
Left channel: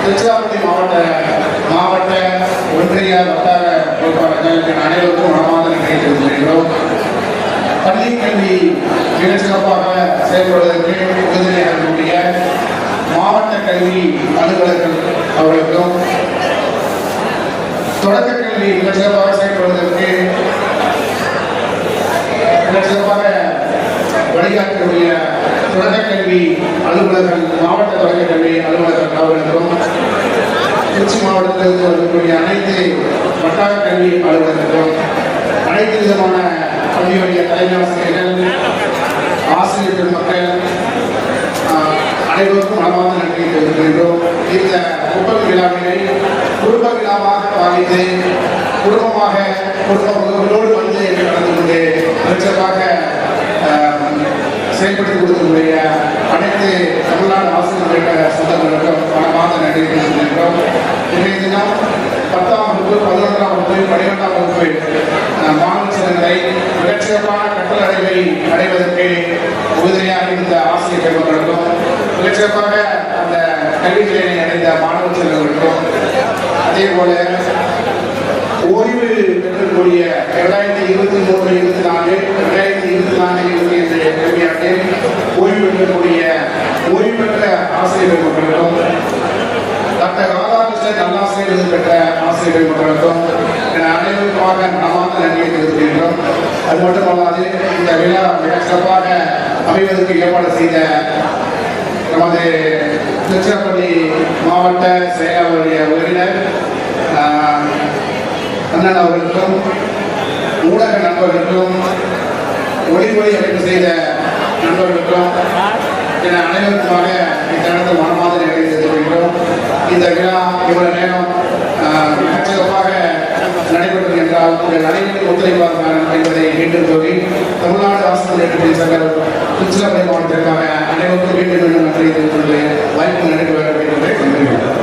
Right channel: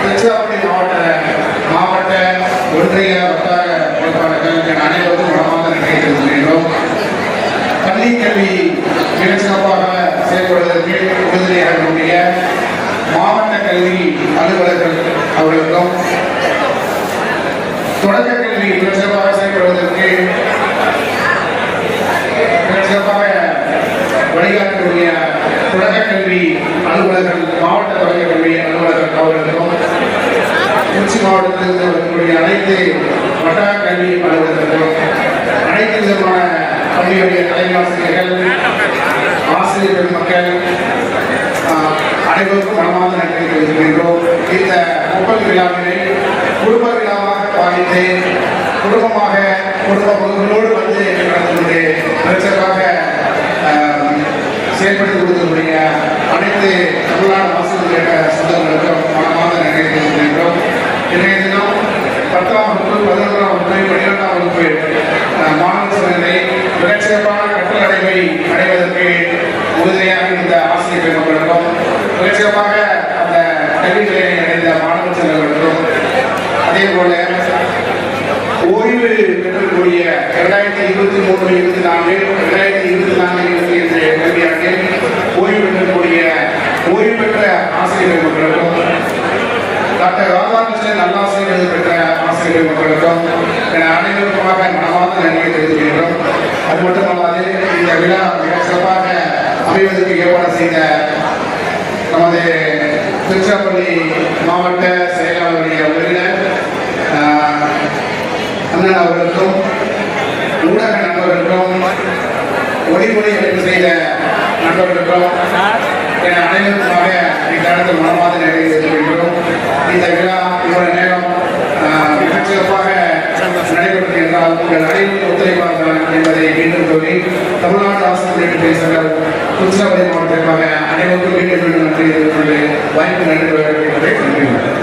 திருச்சிராப்பள்ளி மாவட்ட ஒன்றிய வட்டார பொறுப்பாளர்கள் அனைவருக்கும் மனமார்ந்த நன்றியை தெரிவித்துக் கொள்கிறோம். பள்ளி கல்வி மிகச்சிறப்பாக செயல்படுவதற்கு உறுதுணையாக மாவட்ட கல்வி அலுவலர்கள் அவர்களுக்கும் தொடக்க கல்வி சிறப்பாக செயல்படுவதற்கு சிறப்பாக வழிகாட்டக்கூடிய தொடக்க கல்வி அலுவலர்கள், மாவட்ட தொடக்க கல்வி அலுவலர்கள் அவர்களுக்கும் திருச்சி மாவட்டத்திலிருந்து வரக்கூடிய அனைத்து வட்டார கல்வி அலுவலர்களுக்கும் அனைத்து விதமான பள்ளியுடைய தலைமை ஆசிரியர்கள், ஆசிரியர் பெருமக்கள் அனைவருக்கும் மனமார்ந்த நன்றி தெரிவிக்கின்றோம். இந்த ஒப்பல் விழாவினை குடும்ப விழாவாக பாதித்து குடும்பங்களோடு வந்து நடந்து கொண்டு சிறப்பாக செயல்படுத்தி கொடுக்கக்கூடிய அனைத்து தமிழ்நாடு ஆசிரியர் சொந்தங்களுக்கும் மனமார்ந்த நன்றி தெரிவிக்கின்றோம். இன்றைய தினம் 10ஆம் வகுப்பு, 11ஆம் வகுப்பு, 12ஆம் வகுப்பு மாணவ சங்கங்களை மிகச்சிறப்பான கற்றல் அடைவதற்கு உறுதியாக இந்த ஆசிரியர் பெருமக்களுக்கும் மிகச்சிறப்பாக அந்த கல்வி நிலையை அடைந்த மாணவ சங்கங்களுக்கும் அதே போல ஓய்வு பெற்றக்கூடிய 2023-24 2024-25 கல்வியாண்டில் ஓய்வு பெற்றக்கூடிய ஓய்வு பெற்ற ஆசிரியர் பெருமக்களுக்கும் டாக்டர் ராதாகிருஷ்ணன் நல்லாசிரியர் விருது பெற்ற ஆசிரியர் மக்களுக்கும் அனைவருக்குமாக மனமார்ந்த நன்றியை தெரிவிக்கின்றோம். அது மட்டுமல்லாது இந்த விழா மிக சிறப்பாக அமைவதற்கு ஏற்பாடு செய்த நமது திருச்சிராப்பள்ளி மாவட்ட செயலாளருடைய உறுப்பினர் அண்ணன் அவர்களுக்கும் ஊடக நண்பர்களுக்கும் ஒளிமொழி அமைப்பு செய்த நண்பர்களுக்கும் அனைவருக்குமாக இத்தருணத்தில் மனமார்ந்த நன்றியை தெரிவிக்கின்றோம். இந்த விழா இவ்வளவு நேரம் மிகச்சிறப்பாக நடைபெறும் என்றால் உங்கள் அனைவரும் ஒத்துழைப்பார்கள் என்பதை மீண்டும் சொல்லி தமிழ்நாடு ஆசிரியர் பேசுகிறார் திருச்சிராப்பள்ளி மாவட்டத்திற்காக அனைவருக்கும் மீண்டும் நன்றி தெரிவித்துள்ளது வாய்ப்பு நன்றி